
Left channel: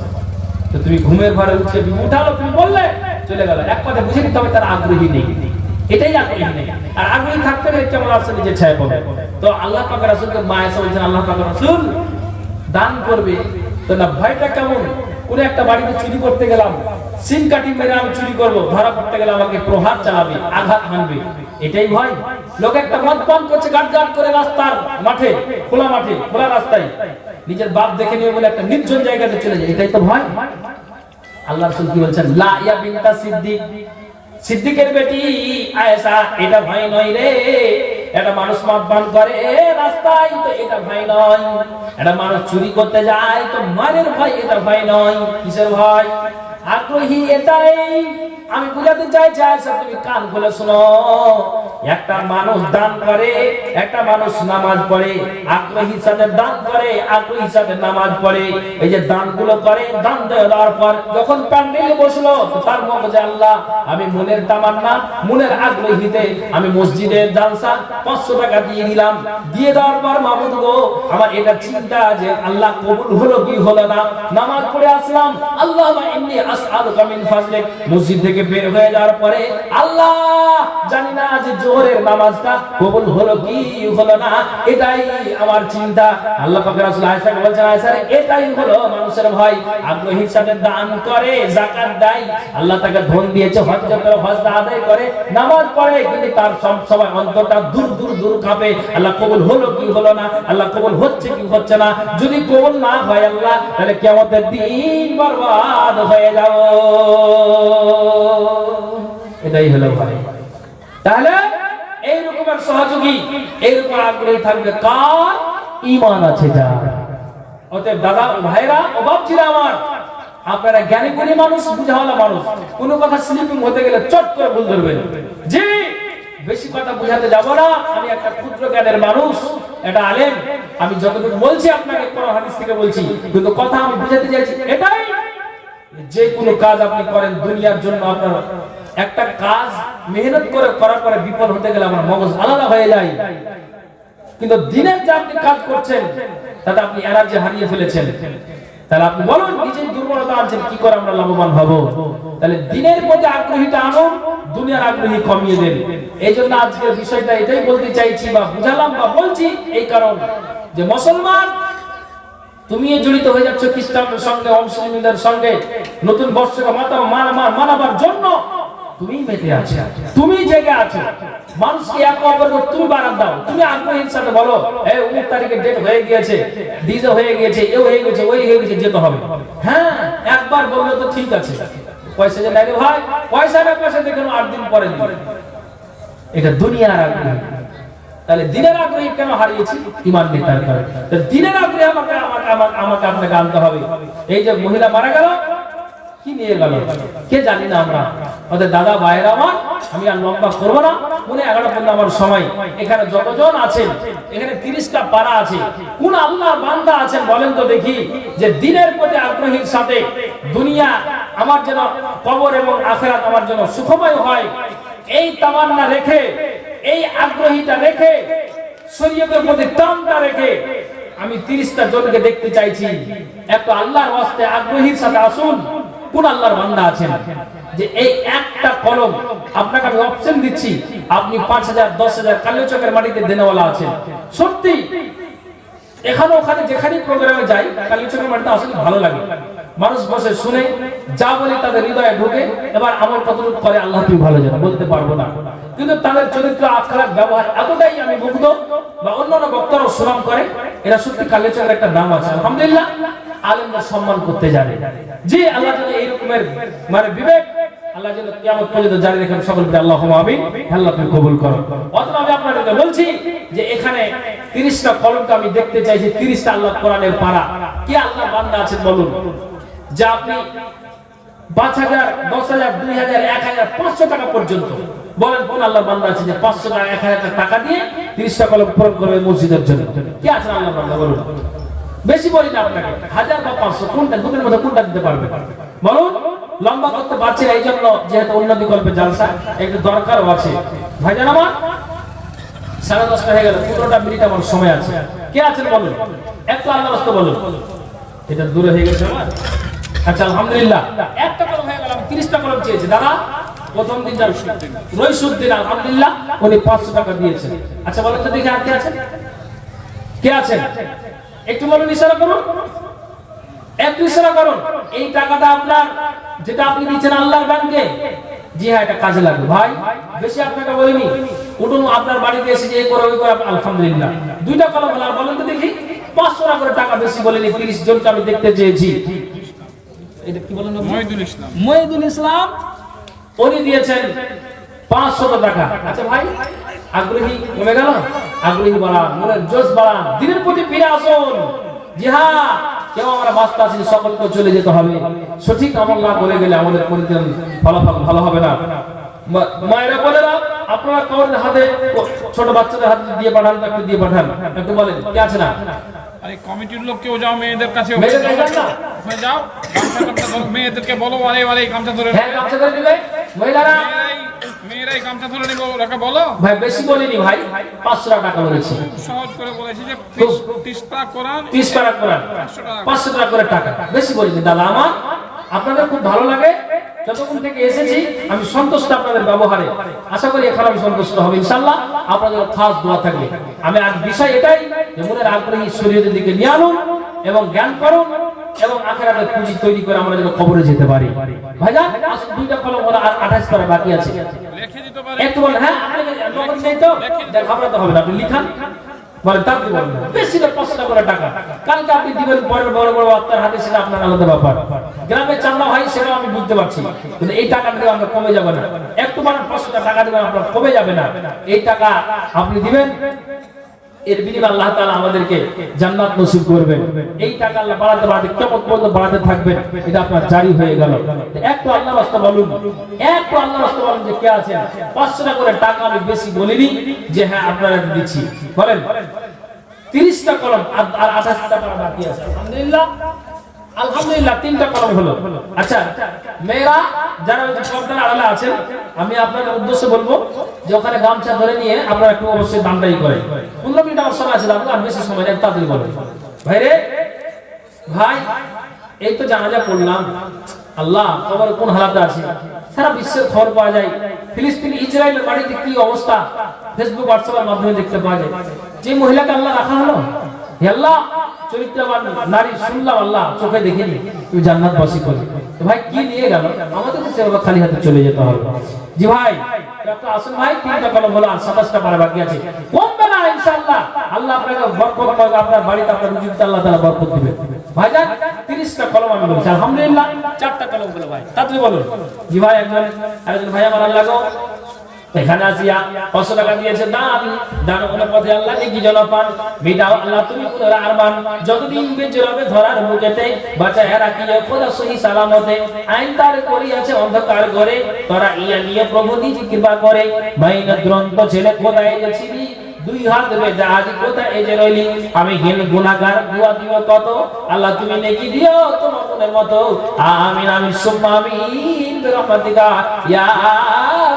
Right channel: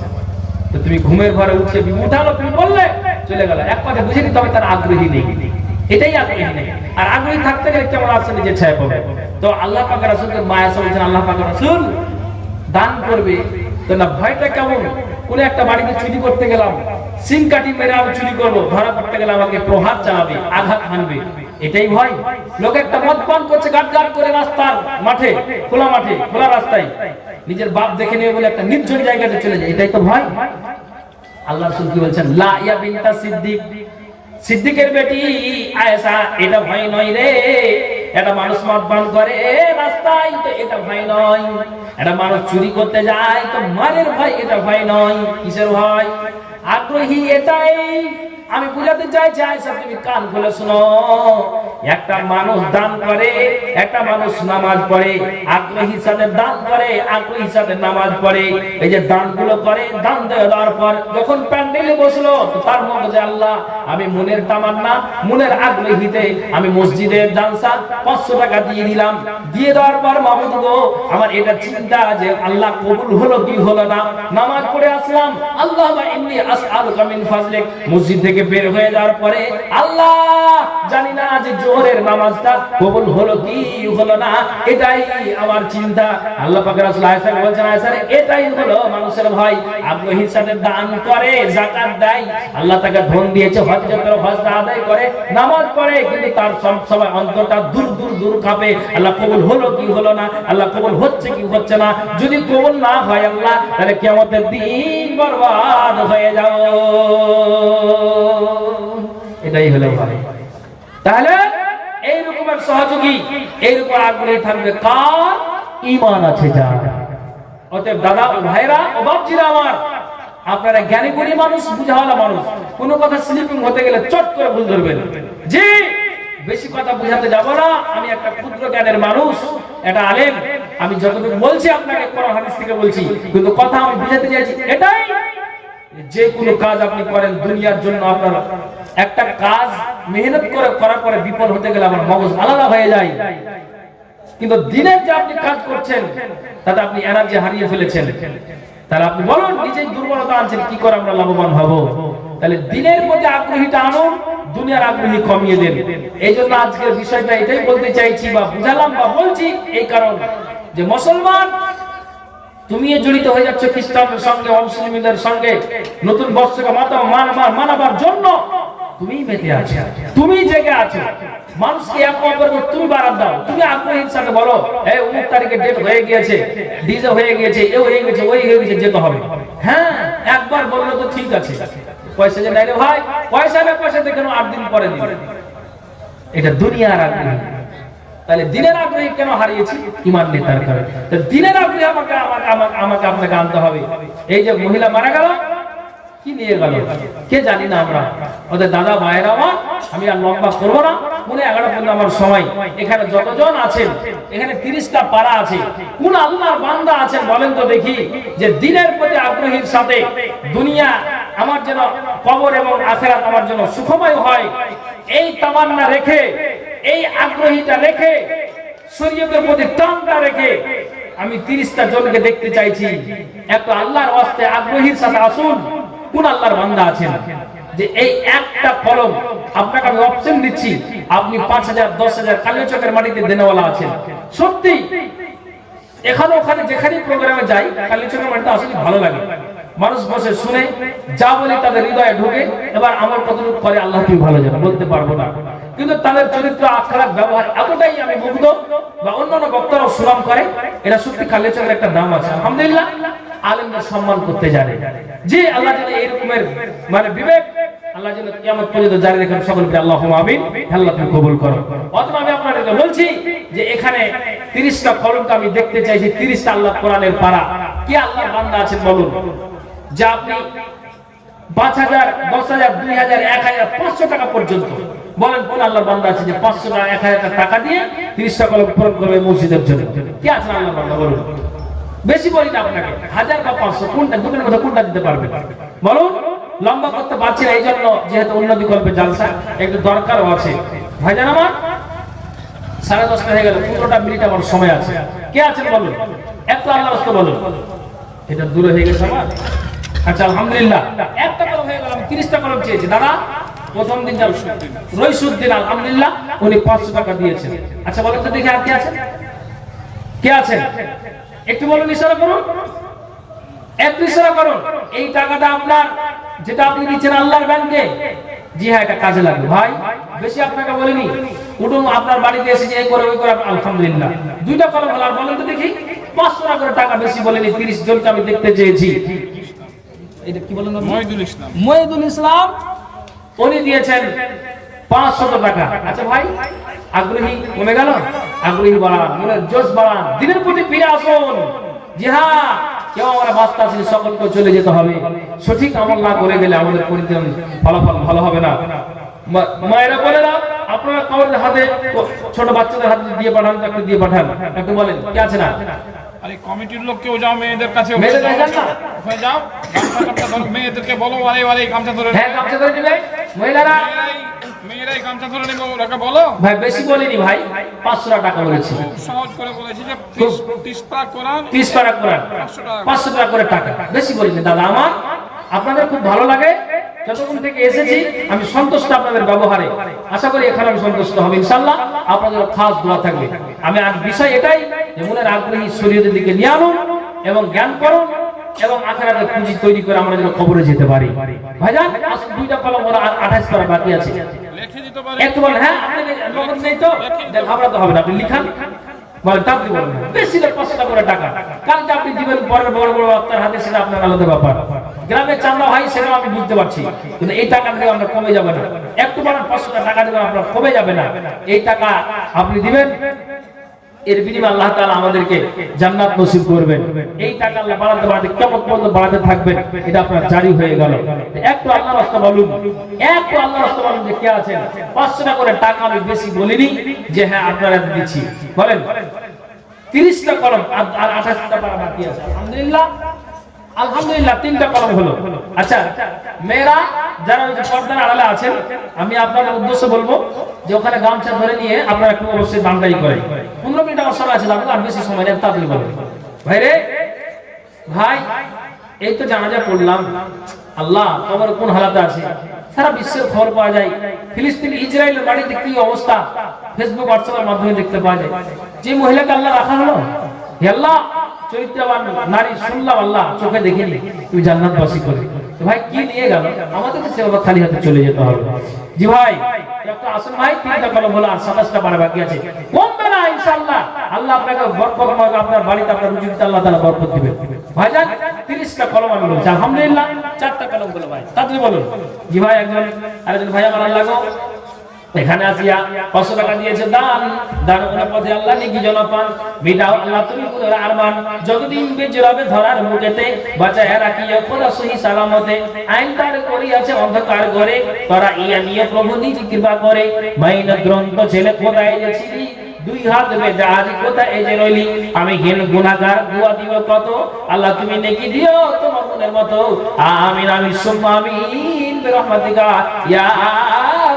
তো তুমি ঘুমের ঘরে উঠে উঠালো, তুমি বললে চলে গেল, এক কথা বুঝে নিতে হবে তার আগ্রহী নেই, এটাই আগ্রহী নেই। আর আগ্রহী থাকতে গেলে কেমন আসছে নিজে ছায়া পাবে। তো আল্লাহ পাকের রাসূলকে মায়া বলছেন, আল্লাহ পাকের রাসূল দান করবে তো না ভয়টা কেমন? কোন একটা বাড়িতে চুরি করতে গেলাম, সিং কাটি মেরে আমি চুরি করব, ধরা পড়তে গেলে আমাকে প্রহার চালাবে, আঘাত হানবে, এটাই ভয়? লোক একটা মদ পান করছে গাট গাট করে রাস্তার মাঠে, খোলা মাঠে, খোলা রাস্তায়, নিজের বাপ দেখে নিয়ে বলে একটা নির্জন জায়গাতে চলে যায়, এটাই তো ভয়? আল্লাহ রাসূল কি বলছেন, লা ইয়া বিনতা সিদ্দিক, সিদ্দিকের বেটি আয়েশা, এটা ভয় নয় রে। এটা মানুষ মদ পান করে রাস্তায়, তো এটা ভয় নয়। এটা মানুষ চুরি করতে যায় তো মারের ভয়, এটা ভয় নয়। কিসের ভয়? আগ্রহী এটাই। আমি বুঝাতে চাইছি আয়েশা তুমি কান খুলে শোনো, একটা মানুষ দান করে, একটা মানুষ নামাজ পড়ে, আগ্রহী সাথে দান করে, আগ্রহী সাথে নামাজ পড়ে। এই যে দানগুলো করে, দান দেওয়ার পর যখন প্যান্ডেলে বসলো তার মগজে আল্লাহ আমি মনের তামান্না, মনের আগ্রহীতে আমি মসজিদের জালসা 500 টাকা দিয়ে দিলাম, দিয়ে দেওয়ার পর মাহমুদ গো আমার এটা চিন্তা যে আল্লাহ কবুল হলো কি হলো না। নামাজ পড়ে আসলাম, আল্লাহুম্মা ইন্নী আসআলুকা মিন ফাজলিক, মসজিদ থেকে বের হয়ে যাওয়ার পরে আল্লাহ জানি না যে জোহরের নামাজটা কবুল হলো কি হলো না, এটাই আমার চিন্তা। আল্লাহ পাকের রাসূল আয়েশা বলছেন, আয়েশা এটাই হলো মানুষের ভয়। আগ্রহীর সাথে দান করে, যাকাত দেয়, আল্লাহ তাকে ধন দিয়েছে, হজ্জের হজটা আদায় করে, নামাজ পড়ে, কিন্তু তার সব সময় অন্তরটা দূর দূর দূর কাঁপে, আল্লাহ কবুল হলো কি হলো না, আল্লাহ কবুল হচ্ছে কি হচ্ছে না। যদি কবুল না হয় আল্লাহ, তাহলে কিয়ামতের দিন বরবাদ হয়ে যাও। এটাই হলো ভাই। তাহলে এই রকমের সহযোগী, এই রকম আগ্রহী থাকবে কার? ঈমান আছে যার। অতএব দাদা ও ভাইরা ও বাপজিরা আমার, আপনারা জ্ঞানী গুণী মানুষ, বুঝাওয়ালা মানুষ, কোনো কথা স্লিপিং হতে গেলে চট করে ভুল ধরবেন। জি, বেশি কথা বুঝাতে যাব না, আমি একটা ক্ষুদ্র জ্ঞানের মানুষ, এটা আলেম, আমি যতটুকু বলছি আপনাকে কোরআন হাদিস থেকে বলছি, কিন্তু কথা আমি বুঝাতে চাইছি এটাই, যে কোনো কাজ আপনি করেন দুনিয়ার জন্য, আপনার একটা কাজ মেহনত করে করার পরে বিফল হতে গেলে আমার মগজ আলাদা হয়ে যায়। কিন্তু দিনের যে আপনি কাজ করছেন তাতে আপনি এনার্জি হারিয়ে ফেলেছেন, তাহলে আপনি বলুন নিজেই দুর্বলতা আনছেন, কি করে আমরা লাভবান হব? তাহলে দিনের প্রতি আগ্রহীটা আনুন, দুনিয়ার আগ্রহী কমিয়ে দেন। এই জন্য আজকের বিষয়টা এটাই বলতে চাইছি বা বুঝালাম বা বলছি, এই কারণ যে মুসলমান তুমি জড়িত হয়ে যাচ্ছ খ্রিস্টানদের সঙ্গে, অমুসলিমদের সঙ্গে, নতুন বর্ষকে মানাবার জন্য তুমি মেতে আছো, তুমি জেগে আছো, মানুষকে এক অপরকে তুমি বাড়াত দাও। তুমি আগ্রহীর সাথে বলো এই অমুক তারিখে ডেট হয়ে গিয়েছে, ডিজে হয়ে গিয়েছে, এ হয়ে গেছে, ওই হয়ে গেছে, যেতে হবে। হ্যাঁ, একবার বললে তো ঠিক আছে, পয়সা যে নাই রে ভাই, পয়সা না পয়সা দেখেন 8 দিন পরে দিবে, এটা দুনিয়ার আগ্রহী। তাহলে দিনের আগ্রহী কেন হারিয়েছি? ঈমান নেই তার কারণে। দিনের আগ্রহী আমাকে আপনাকে আনতে হবে। এই যে মহিলা মারা গেল, কি নিয়ে গেল কে জানি না আমরা। ওদের দাদা ভাইরা আমার, আমি আর লম্বা করবো না, মনে 11 পর্যন্ত আমার সময়। এখানে যতজন আছেন, এখানে 30টা পাড়া আছে, কোন আল্লাহর বান্দা আছেন বলেন তো দেখি, যে দিনের প্রতি আগ্রহীর সাথে দুনিয়া আমার যেন কবর এবং আখিরাত আমার জন্য সুখময় হয়, এই তামান্না রেখে, এই আগ্রহীটা রেখে, শরীয়তের প্রতি টানটা রেখে আমি 30টা জনকে দেখতে চাইছি। একটা আল্লাহর ওয়াস্তে আগ্রহীর সাথে আসুন। কোন আল্লাহর বান্দা আছেন যে এই একটা কলম, আপনাকে আমি অপশন দিচ্ছি, আপনি 5000 10,000 কালিয়া চকের মাটিতে দেনওয়ালা আছেন, সত্যি এখানে ওখানে যেখানে প্রোগ্রামে যাই কালীচকের মাটিতে আসলে ভালো লাগে, মানুষ বসে শুনে যা বলি তাদের হৃদয়ে ঢোকে। এবার আমার কতটুকু করে আল্লাহ তুমি ভালো জানো, বলতে পারবো না, কিন্তু তাদের চরিত্র আখলাক ব্যবহার এতটাই আমি মুগ্ধ, বা অন্যান্য বক্তারাও সুনাম করে, এরা সত্যি কালীচকের একটা দাম আছে। আলহামদুলিল্লাহ, আলেমদের সম্মান করতে জানে। যে আল্লাহ যদি এইরকমের মানে বিবেক আল্লাহ যেন কিয়ামত পর্যন্ত জারি রাখেন, সকল বলে আল্লাহুম্মা আমিন। আল্লাহ তুমি কবুল করো। অতএব আমি আপনাদেরকে বলছি যে এখানে 30টা কলমটা আমি দেখতে চাইছি, 30টা আল্লাহ কোরআনের পারা। কি আল্লাহর বান্দা আছেন বলুন, যে আপনি 5,000, 10,000, 2,000, 1,000, 500 টাকা পর্যন্ত বলেন কোন আল্লাহর বান্দা আছে যে 500 টাকা 1,000 টাকা দিয়ে 30টা কলম পূরণ করবে মসজিদের জন্য? কি আছে আল্লাহর বান্দা বলুন? বেশি বলি না আপনাকে, 1000 বা 500, কোনটা দুটোর মধ্যে কোনটা দিতে পারবে বলুন? লম্বা করতে পারছি না, এই জন্য যেহেতু উন্নতি করবে জালসা একটু দরকারও আছে। ভাইজান আমার 10:30 হয়ে গেল, 15টা মিনিট আমার সময় আছে। কে আছেন বলুন? একটু আল্লাহর রাস্তা বলুন। এটা দূরে হয়ে গেছে আমার। আচ্ছা আলহামদুলিল্লাহ, একটা কলম হয়ে গেল। আমি 30টা কলম চেয়েছি দাদা। প্রথম দিন রইসুদ্দিন আলহামদুলিল্লাহ উনি 500 টাকা দিয়েছেন। আচ্ছা বলেন তো দেখি আর কে আছেন? কে আছেন একটু বলুন, ইশারা করুন, একটু ইশারা করুন। এই টাকাটা আপনার, যেটা আপনি দিচ্ছেন আল্লাহর ব্যাংকে, জি হ্যাঁ এটা কাজে লাগবে ভাই। বেশি আপনাকে বলিনি, উঠুন আপনার বাড়িতে এসে যে এই করে ওই করে। আলহামদুলিল্লাহ 2টা কলম হলো। আর বলেন তো দেখি 500 টাকা করে টাকা বেশি বলিনি, 30 জনকে আমি দেখতে চেয়েছি। এটা কি বলেন? মহিদুল ইসলাম উনি দিয়েছেন 500 টাকা। আচ্ছা ভাই, আগ্রহী কমে গেল? আগ্রহী বাড়ান, মনের জোশ বাড়ান, দিনের প্রতি ফিরে আসুন। জি হ্যাঁ, কেউ আমরা বাস্তা আছি, সকলকে চলে যেতে হবে। সঠিক আমল না করে গেলে আমাদের পরিত্রাণ ফলাফল ভালো হবে না। মায়েরা বলেরা আপনারা কাউর হাতে, ছোট বাচ্চাদের হাতে দিয়ে পাঠান, একটু দিয়ে পাঠান। একটু বলেন কে আছে না? আরে কমিটির লোক কেউ যাও, মেয়েদের কাছে ওখানে যাও, মেয়েদেরকে বলো আরে গামছা ধরে। হ্যাঁ গামছা ধরে দিবে মহিলারা, মেয়েরাই গামছা ধরে নিব, ওরা বলো। ভাই বেশি বলিনি ভাই, 500 টাকা বলেছি, সহজ করে বলেছি যে 30 পারা কোরআন, 30 পারা কোরআন 500 টাকা করে টাকা। বেশি বলিনি দাদা আমার, আপনাদের খুব ভালো লাগে। যতক্ষণ থেকে এসেছি আমি সন্তুষ্ট আপনাদের ব্যবহারে। আশা করি এখানে আমি সন্তুষ্ট হব ইনশাআল্লাহ। আপনাদের খাস দোয়া থাকবে। আমি আজ বিষয় এটাই যে মনের আগ্রহী শরীরের দিকে নিয়ে আনুন এবং জ্ঞান করুন, এবং আখিরাতে পুঁজি তৈরি করে আমরা যেন কবরে যেতে পারি। ভাইজান 2টা কলম ওরা, আর 28 পারা বাকি আছে। একটু বলেন। হ্যাঁ আপনি নগদ নেই তো ঘাবড়াতে হবে না, আপনি লিখান। বলেন তার বলেন বেশি না 500 করে টাকা কালকে আপনি দিবেন পরের বড় বড় আত্মার হাতে, সেটা আপনার আলাদা ব্যাপার। গ্রামে চান্দা ভাই সেটা আমি বুঝতে পারছি, কিন্তু এই টাকা দিয়ে আমরা কমে যাবে না। একটু বলেন 500 টাকা দিবেন, আপনার কমে যাবে না। এই টাকা আপনি দিবেন, এর বিনিময়ে আল্লাহ তাআলা আমাদেরকে জান্নাত নসিব করবেন। এই টাকা আল্লাহ বাড়াতে বাড়াতে কিয়ামত পর্যন্ত বাড়াতে থাকবেন, এটা আপনার জারি হয়ে গেল। একটু আল্লাহর রাস্তা বলুন, একটু আল্লাহর রাস্তা বলুন যে কে আছেন? 500 টাকা করে টাকা আমি বেশি বলিনি যে হ্যাঁ আপনারা দিচ্ছি। বলেন 30টা কলম আর 28টা পারা বাকি আছে। আলহামদুলিল্লাহ, আলহামদুলিল্লাহ 3টা কলম হলো। আচ্ছা মেয়েরা যারা ওই যে পর্দার আড়ালে আছেন, আমি আপনাদের উদ্দেশ্যে বলবো যে ওখানে গামছা ধরে নিয়ে আপনারা একটু অবশ্যই দানদারি করেন। 15 মিনিট আমার সময় আছে দাদা, আর বেশি সময় নেই, তাড়াতাড়ি বলেন। ভাই রে ভাই, এই তো জানাজা পড়লাম, আল্লাহ কবর কোন হালাতে আছে সারা বিশ্বের খবর পাওয়া যায়। ফিলিস্তিন ইসরায়েলের বাড়িতে কি অবস্থা ফেসবুক হোয়াটসঅ্যাপের মাধ্যমে দেখতে পাওয়া যায়। যে মহিলাকে আল্লাহ রাখা হলো, হে আল্লাহ চরিত্রবান নারী শুনলাম, আল্লাহ চোখে দেখিনি, তুমি জান্নাতবাসী করে। তো ভাই কি নিয়ে গেল? আমাদের সেবা খালি হাতে চলে যেতে হবে। জি ভাই একটু আসুন ভাই, 3টা কলম হলো আর 27টা পারা বাকি আছে। কমবে না ইনশাআল্লাহ। আল্লাহ আপনাকে বরকত করবে, আপনার বাড়িতে আপনার রুজিতে আল্লাহ তাআলা বরকত দিবে। ভাইজান 30টা কলম আমি বলছি আলহামদুলিল্লাহ। 4টা কলম হলো ভাই, তাড়াতাড়ি বলুন। জি ভাই একজন ভাই আমার আল্লাহ গো এখানে আসিয়া 500 টাকা দিয়েছে দান, দান করে পথে আল্লাহ নেকি যেন পান। বিদাও আল্লাহ তুমি পুরা আরমান, যতদিন বেঁচে রবে ধরার মুখেতে, বাঁচায় রাখিও খোদা সহি সালামতে। আইন তার করিয়াছে অন্ধকার করে, তোরা ইয়া নিয়ে প্রভু নিজ কৃপা করে। মাইনা গ্রন্থ ছেলে কোথায় গেছিলি, 2 হাত বেঁধে আজ কোথায় যে রইলি। আমি ঘেন গুনাহগার, দুয়া দিও কত, আল্লাহ তুমি নেকি দিও তোমার মনের মতো। আমিন আমিন সুম্মা আমিন বিরহমাতিকা ইয়া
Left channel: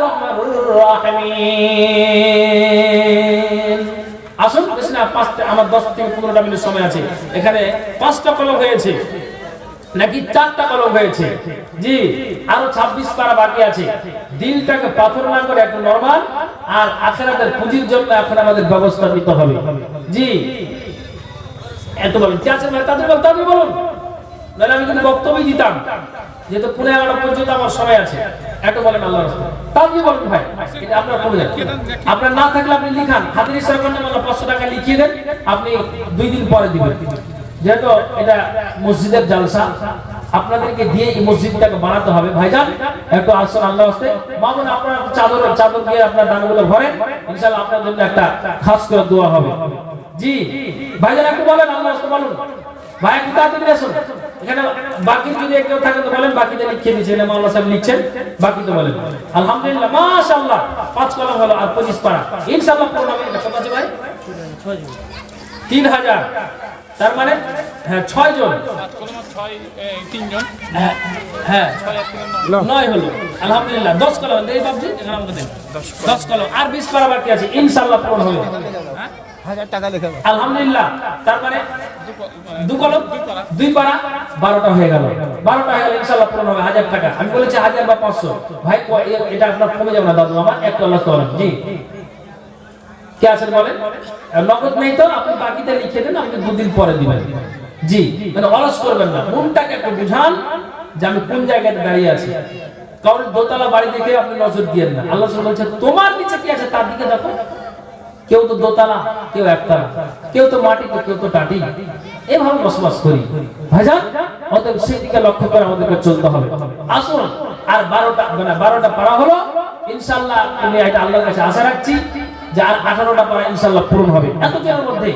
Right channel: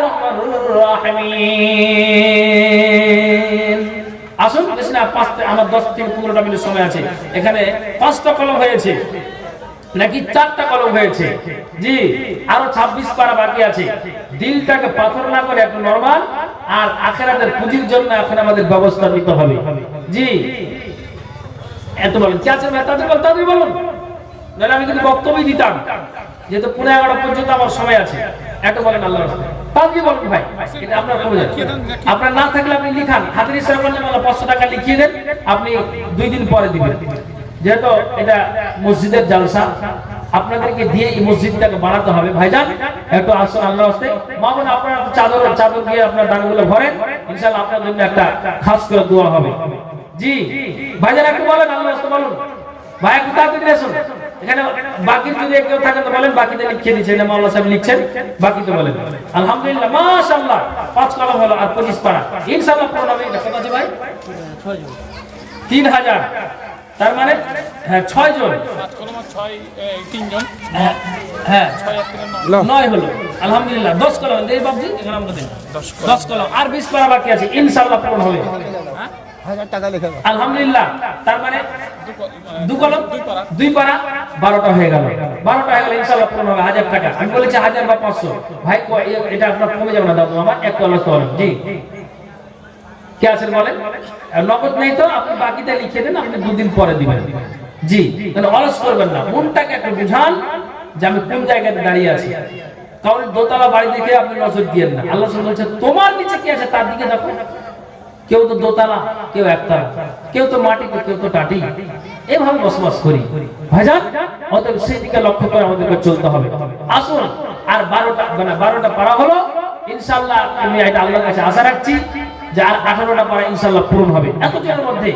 রাহমানুর রাহিমিন। আসুন বেশি না, আমার 10 থেকে 15টা মিনিট সময় আছে। এখানে 5টা কলম হয়েছে নাকি 4টা কলম হয়েছে? জি আরো 26 পারা বাকি আছে। দিলটাকে পাথর না করে একটু নরমাল, আর আখিরাতের পুঁজির জন্য এখন আমাদের ব্যবস্থা নিতে হবে। জি এত বলেন কে আছেন ভাই তাদের বলুন, নাহলে আমি কিন্তু বক্তব্যই দিতাম, যেহেতু 11:30 পর্যন্ত আমার সময় আছে। এত বলেন আল্লাহর রাস্তায় তাদের বলুন ভাই, এটা আপনার কমে যাবে। আপনার না থাকলে আপনি লিখান, হাতের ইশারা করলে মানে 500 টাকা লিখিয়ে দেন, আপনি 2 দিন পরে দিবেন। যেহেতু এটা মসজিদের জালসা, আপনাদেরকে দিয়ে এই মসজিদটাকে বানাতে হবে। ভাইজান একটু আসুন আল্লাহর রাস্তায়, মা বোন আপনারা চাদর দিয়ে আপনার দানগুলো ভরেন, ইনশাআল্লাহ আপনার জন্য একটা খাস করে দোয়া হবে। জি ভাইজান একটু বলেন আল্লাহর রাস্তায় বলুন। ভাই একটু তাড়াতাড়ি আসুন, এখানে বাকি যদি কেউ থাকে তো বলেন, বাকিতে লিখে দিচ্ছেন, মাওলানা সাহেব লিখছেন, বাকি তো বলেন। আলহামদুলিল্লাহ মাশাআল্লাহ 5 কলম হলো আর 25 পারা ইনশাআল্লাহ পড়া হবে। এটা কত আছে ভাই? 3000, তার মানে হ্যাঁ 6 জন, 3 জন, হ্যাঁ 9 হলো। আলহামদুলিল্লাহ 10 কলম দেই বাবজি, এখানে আমরা দেন 10 কলম আর 20 পারা বাকি আছে, ইনশাআল্লাহ পূরণ হবে। 1000 টাকা লেখা আলহামদুলিল্লাহ, তার মানে 2 কলম 2 পারা 12টা হয়ে গেল, 12টা হয়ে গেল ইনশাআল্লাহ পূরণ হবে। 1000 টাকা আমি বলেছি 1000 বা 500 ভাই, এটা আপনার কমে যাবে না দাদু আমার, 1 কলম কলম। জি কে আছেন বলেন? নগদ নেই তো আপনি বাকিতে লিখে দেন, আপনি 2 দিন পরে দিবেন। জি মানে অলস করবেন না, মনটাকে একটু বুঝান যে আমি কোন জায়গাতে দাঁড়িয়ে আছি। কারণ দোতলা বাড়ি দেখে আপনি নজর দিয়েন না, আল্লাহ সুবহানাহু বলছে তোমার নিচে কি আছে তার দিকে দেখো। কেউ তো দোতলা, কেউ একতলা, কেউ তো মাটিতে, কেউ তো টাটি, এভাবে বসবাস করি ভাইজান। অতএব সেই দিকে লক্ষ্য করে আমাদেরকে চলতে হবে। আসুন আর 12টা পারা হলো ইনশাআল্লাহ। আমি এটা আল্লাহর কাছে আশা রাখছি যে আর 18টা পারা ইনশাআল্লাহ পূরণ হবে। এতদিনের মধ্যে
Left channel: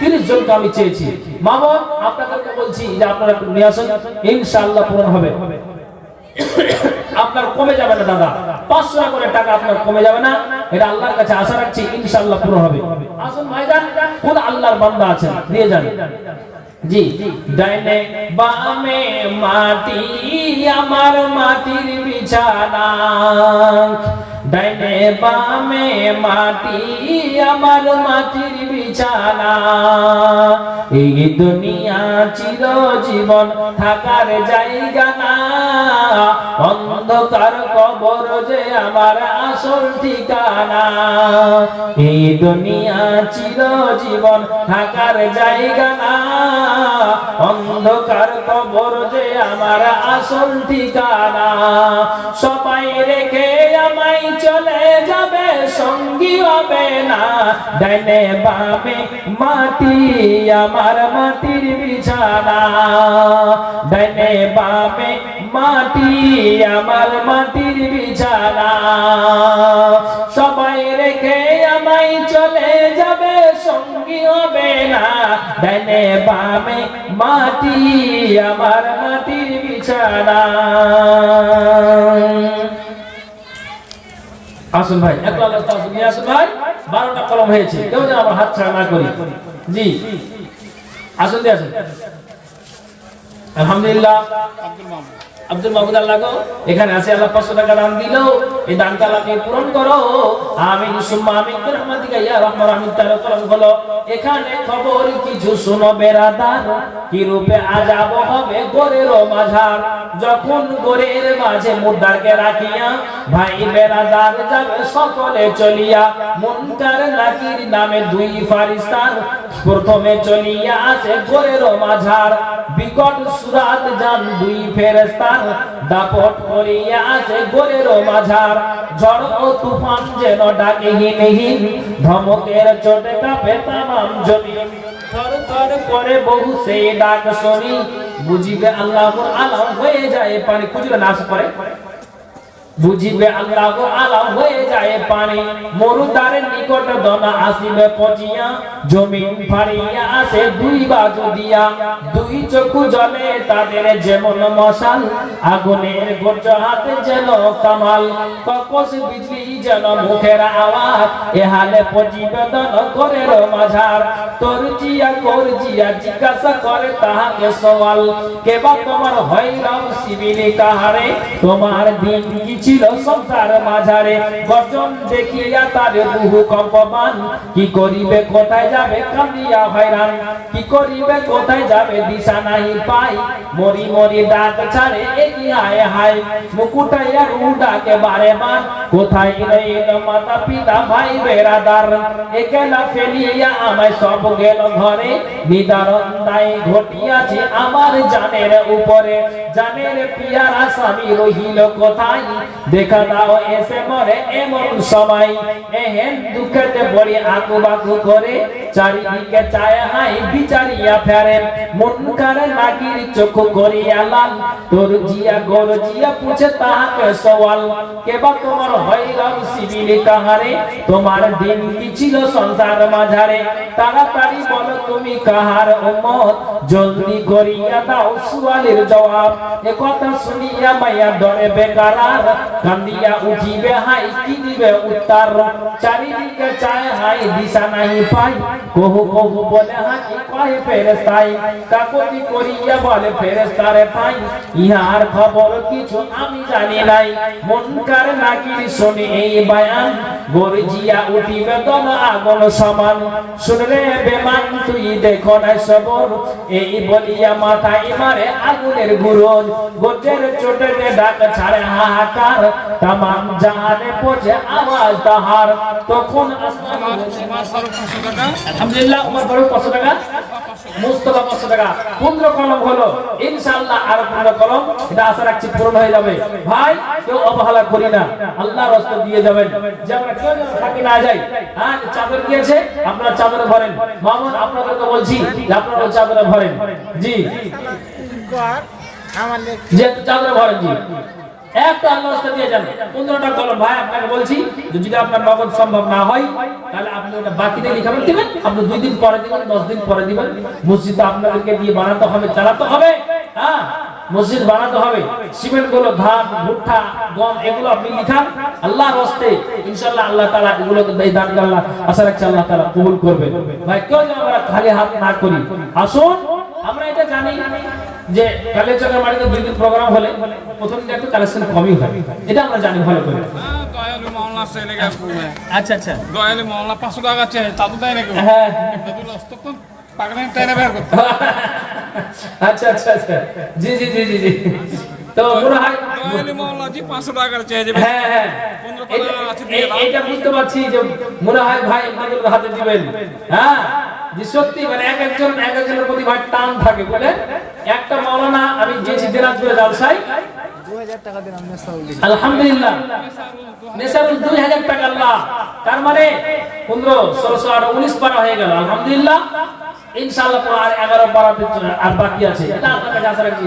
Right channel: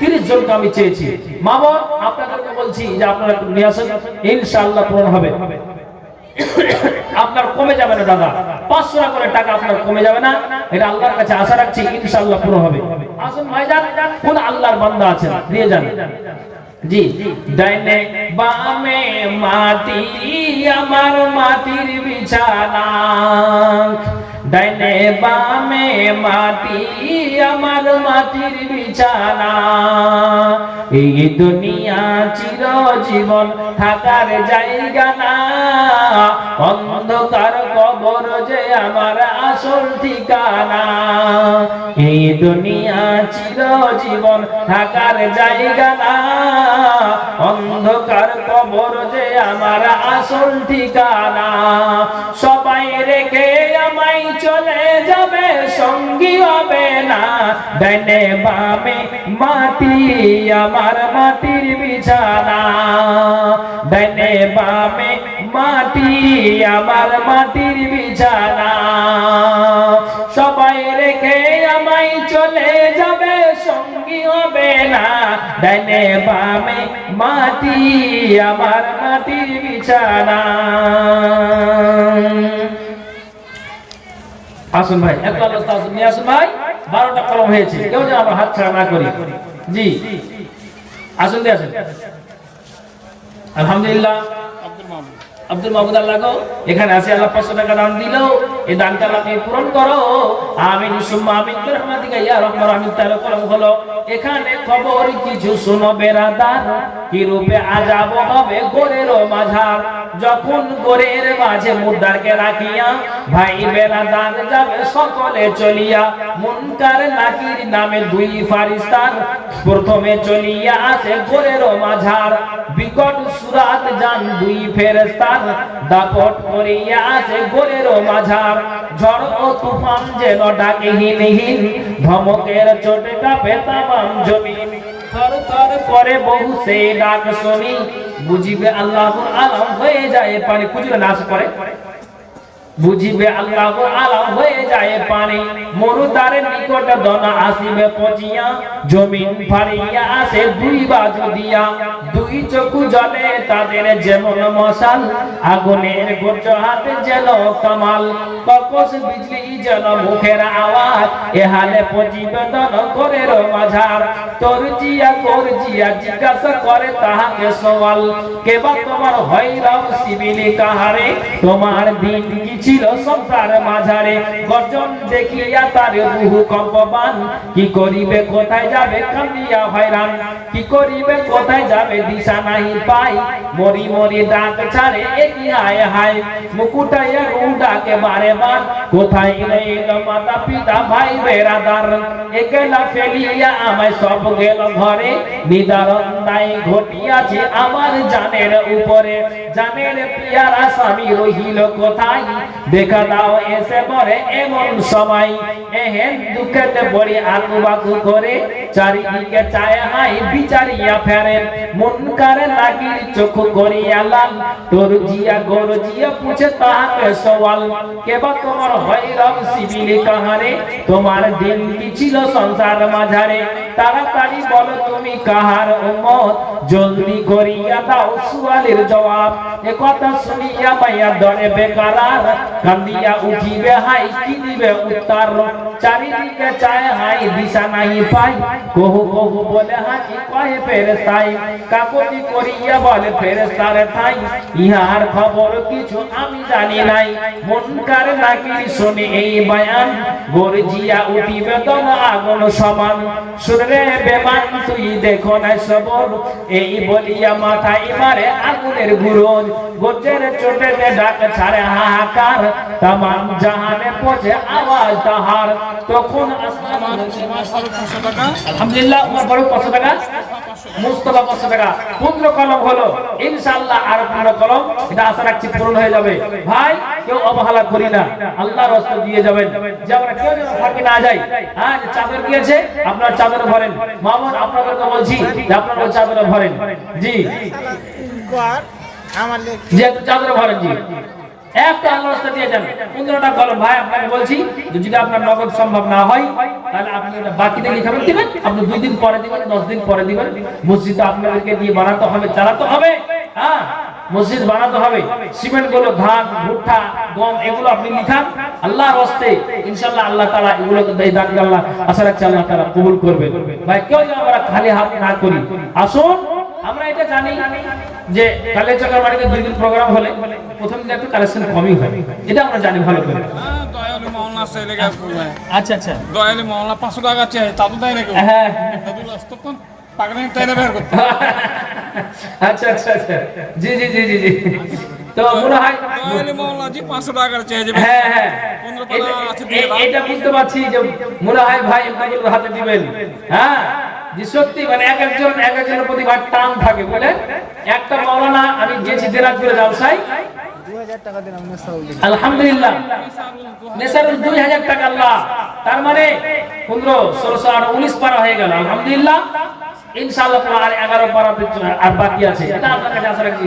30 জনকে আমি চেয়েছি। মা বোন আপনাদেরকে বলছি যে আপনারা নিয়ে আসুন, ইনশাআল্লাহ পূরণ হবে। আপনার কমে যাবে না দাদা, 500 টাকা করে টাকা আপনার কমে যাবে না, এটা আল্লাহর কাছে আশা রাখছি ইনশাআল্লাহ পুরো হবে। আসুন ভাইজান, কোন আল্লাহর বান্দা আছেন নিয়ে যান। জি ডাইনে বামে মাটি আমার মাটির বিছানা, ডাইনে বামে মাটি আমার মাটির বিছানা, এই দুনিয়া চিরজীবন থাকার জায়গা না, অন্ধকার কবর যে আমার আসল ঠিকানা, এই দুনিয়া চিরজীবন থাকার জায়গা না, অন্ধকার কবর যে আমার আসল ঠিকানা, সবাই রেখে আমায় চলে যাবে সঙ্গী হবে না, ডাইনে বামে মাটি আমার মাটির বিছানা, ডাইনে বামে মাটি আমার মাটির বিছানা, সবাই রেখে আমায় চলে যাবে সঙ্গী হবে না, ডাইনে বামে মাটি আমার মাটির বিছানা। আসুন ভাই একটু আল্লাহ তাআলা নিয়ে আসুন ভাই, 12টা কলম হয়েছে, কেউ যেন আমার হাত ছাড়া না করি। জি আসুন দিয়ে আসুন। আলহামদুলিল্লাহ আব্দুল মাহমুদ আল্লাহ গো এখানে আছে, আল্লাহ 500 টাকা দান দিলো, এই দানটা আল্লাহকে পূরণ করো আমিন সুম্মা আমিন বিরহমাতিকা ইয়া রাহমান আমিন। তার কলম হলো এখানে খবর কিছু শুনো বেরাদার, কি রূপে আযাব হবে গোরের মাঝার, যখন গোরের মাঝে মুর্দারকে রাখিয়া ভাই বেরাদার যাবে সকলে চলিয়া, মুনকার নাকির নামে 2 ফারিস্তার প্রথমে চলিয়া আসে গোরের মাঝার, বিকট সুরাত জান 2 ফেরেশতা দাপট করিয়া আসে গোরের মাঝার, ঝড় ও তুফান যেন ডাকে হিমহীন, ধমকের চোটে কাঁপে তামাম জমিন, থর থর করে বহু সেই ডাক শুনি, বুঝিবে আল্লাহর আলাম হয়ে যায় পানি, খুঁজলে নাশ করে বুঝিবে আল্লাহর আলাম হয়ে যায় পানি, মরুদারের নিকট দন আসিবে পচিয়া, জমিন ফাড়িয়া আসে 2 বাজু দিয়া, 2 চক্ষু জলে তাদের যেমন মশাল, আগুনের গর্জ হাতে যেন কামাল, ককস বিজলি যেন মুখের আওয়াজ, এহালে পচিবে দন গোরের মাঝার, তোর জিয়া কোর জিয়া জিজ্ঞাসা করে তাহাকে সওয়াল, কেবা তোমার হইরাম সিবিলি কাহারে, তোমার দিন কি ছিল সংসার মাঝারে, গর্জন দেখিয়া তার বহু কম্পমান, কি করিবে কোথায় যাবে কাঁদিয়া হয়রান, কি করিবে কোথায় যাবে দিশা নাই পাই, মরি মরি ডাক ছাড়ে একি হায় হায় মুকুটাইয়া উডাকে বারে বার কোথায় রইল মাতা পিতা ভাই বেরাদার একলা ফেলিয়া আমায় সব গেল ঘরে নিদারণ দায় ঘটিয়াছে আমার জানের উপরে জানের প্রিয়ারা স্বামী রহিল কোথায় দেখা দাও এসে মরে এমন সময় এহেন দুঃখেতে পড়ে আকু বাকু করে চারিদিকে চায় হাই বিচারিয়া ফেরে মন করে লাগির চোখ করিয়া লাল তোর জিয়া গর জিয়া পুছে তাহাকে সওয়াল কেবা তোমার হৈরব শিবিলি কাহারে তোমার দিন কি ছিল সংসার মাঝারে তাড়াতাড়ি বলো তুমি কাহার উম্মত জলদি করিয়া দাও সুয়ালের জবাব এ কথা শুনিয়া মাইয়া ডরে বেকারার কান্দিয়া উঠিবে হাই কি দিবে উত্তর চারিদিকে চায় হাই দিশা নাই পাই কহু কহু বলে হাই কহে ফেরেশতাই কাকতি করিয়া বলে ফেরেশতারে ঠাই ইহার খবর কিছু আমি জানি নাই মনকার নাকির শুনে এই বয়ান গর্জিয়া উঠিবে দম আগুন সমান শুনরে বেমান তুই দেখো না সবর এই বলিয়া মাথায় মারে আগুনের ঘুরন গজের চোটে ডাক ছাড়ে হাহাকার तमाम জাহানে পৌঁছে আওয়াজ তাহার তখন আসমান আলহামদুলিল্লাহ উমর বড় 500 টাকা মুস্তাফা 500 টাকা 15 কলম হলো ইনশাআল্লাহ আর 15 কলম এটা আশা রাখছি পূরণ হয়ে যাবে ভাই কেউ অবহেলা করি না আল্লাহর রাস্তা দিয়ে যাবেন যে আমরা কেউ যেন ফাঁকি না যাই হ্যাঁ চাদর দিয়েছে আপনারা চাদর ভরেন মামুন আপনাদেরকে বলছি যে আপনারা চাদর ভরেন জি যে চাদর ভরেন জি একটা আল্লাহর রাস্তা দিয়ে যান 15টা কলম ভাই আপনাকে বলছি যদি আপনার নগদ সম্ভব না হয় তাহলে আপনি ওটা বাকিতে লিখাবেন দিবেন আপনি 2 দিন পরে দিবেন 10 দিন পরে দিবেন মসজিদ আপনাদেরকে দিয়ে বানাতে হবে চালাতে হবে হ্যাঁ মসজিদ বানাতে হবে সিমেন্ট গুলো ধান ভুট্টা গম এগুলো আপনি লিখান আল্লাহর রাস্তায় ইনশাআল্লাহ আল্লাহ তাআলা এগুলোকে দান আল্লাহ আশা রাখছি আল্লাহ তাআলা কবুল করবেন ভাই কেউ যেন আমরা খালি হাত না করি আসুন আমরা এটা জানি যে কালেচকের মাটিতে 2 দিন প্রোগ্রাম হলে প্রথম দিন একটু কালেকশন কমই হয় এটা আমরা জানি ভালো করে দয়ালু মাওলানা সেলে গা আচ্ছা আচ্ছা দয়ালু মাওলানা 500 টাকা চাই তা তো দেয় নাকি হ্যাঁ দাদুল আস্তকন পাগলাম টাইনে বের করতে আচ্ছা আচ্ছা আচ্ছা জি জি জি জি জি তো মনে হয় দয়ালু মাওলানা জি 500 টাকা চাই যে হ্যাঁ হ্যাঁ এটা বুঝতে পারছি যে মনে হয় ভাই আপনাদের হাতে দিবেন হ্যাঁ যে সত্যি মানে এক একজনের প্রতি ভাই টান থাকে বলে একটা মাওলানা আমি গেছি দিনাজপুরে জালসায় 2000 টাকা দিলাম নেসাউল আলহামদুলিল্লাহ নেসারুল 2000 টাকা আল্লাহ তার মানে 15 16 18 19 পারা হয়ে গেল আলহামদুলিল্লাহ ইনশাআল্লাহ আর 11 পারাতে আর বাকি আছে এটা আপনার কাছে আশা রাখছি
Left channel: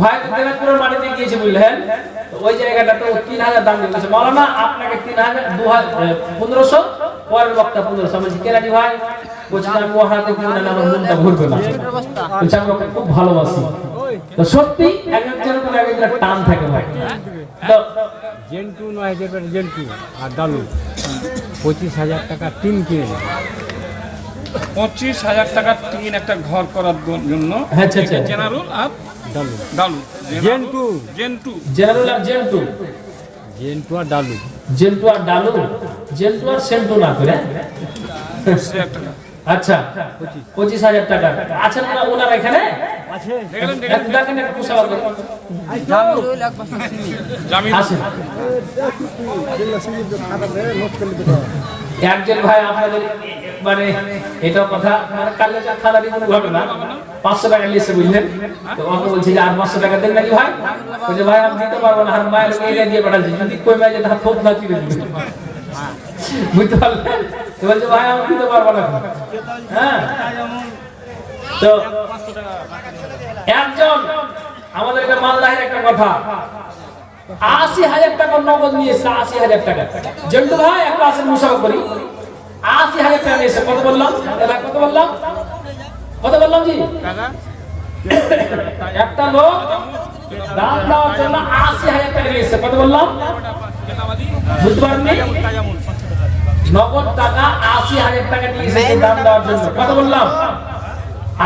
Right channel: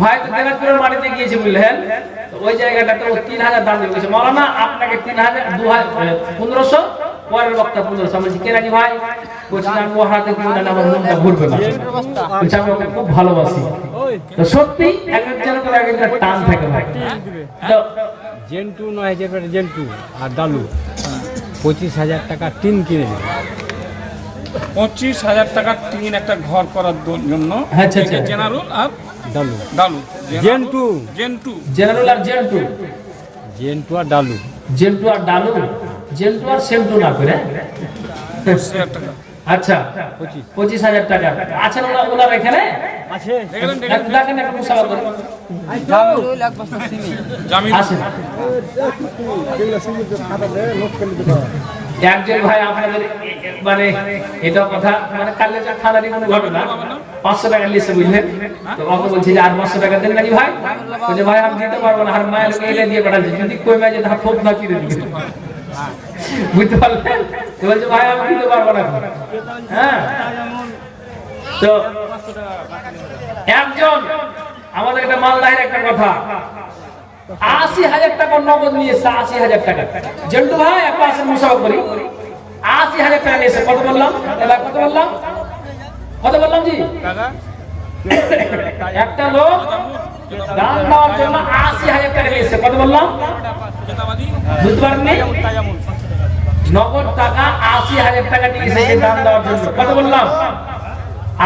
ভাই তো দিনাজপুরের মাটিতে গিয়েছে বুঝলেন তো ওই জায়গাটাতে ও 3000 দাম দিয়েছে মাওলানা আপনাকে 3000 1500 পরের বক্তা 1500 বলছি কেরানি ভাই বলছি আমি ওহাতে দিই না আমার মনটা ভরবে না বলছি আমি ওকে খুব ভালোবাসি তো সত্যি একজনের পর একজনের টান থাকে ভাই তো জেন্টু 9000 টাকা জেন্টু আর ডালু 25000 টাকা টিন কিনে নিল 25000 টাকা টিন একটা ঘর করার জন্য আচ্ছা আচ্ছা জেনারেল আর ডালু ডালু জেন্টু জেনারেল আর জেন্টু জেন্টু আর ডালু জেন্টু আর ডালু জেন্টু আর সেন্টু না করে আচ্ছা 25000 টাকা আছেন ওনার এখানে আছে একটু দেখেন একটা মুসাফা করে জামিরুল এক বস্তা সিমেন্ট আসেন একজন ভাই আপনাদের মানে এটা কথা মানে কালেজা থানারই কোনো ঘটনা 500 টাকা লিখে বুঝলেন তো আমাকে বলছি যে আর 500 টাকা দেন নাকি ভাই বলে ভাই আমি দিতে পারবো না আর মায়ের এলে দিয়ে পাঠাচ্ছি যদি কই মাঝে ধাপ ফোপ না চিরে দিবে বুঝতে পারলেন তো বলছে ভাই আমি দিতে পারবো না হ্যাঁ তো একজন আমাদের একটা মালদাহের একটা কথা 80000 টাকা নগদ নিয়েছে 80000 টাকা জন্টু ভাই একটা আসেন মুসাফা করি 80000 টাকা নিয়েছে কত বললাম এবার কত বললাম জি একটা লোক দাম দেওয়ার জন্য 80000 টাকা নিয়েছে কত বললাম বুঝতে পারেননি নগদ টাকা 80000 টাকা নিয়েছে দাম দেওয়ার জন্য কত বললাম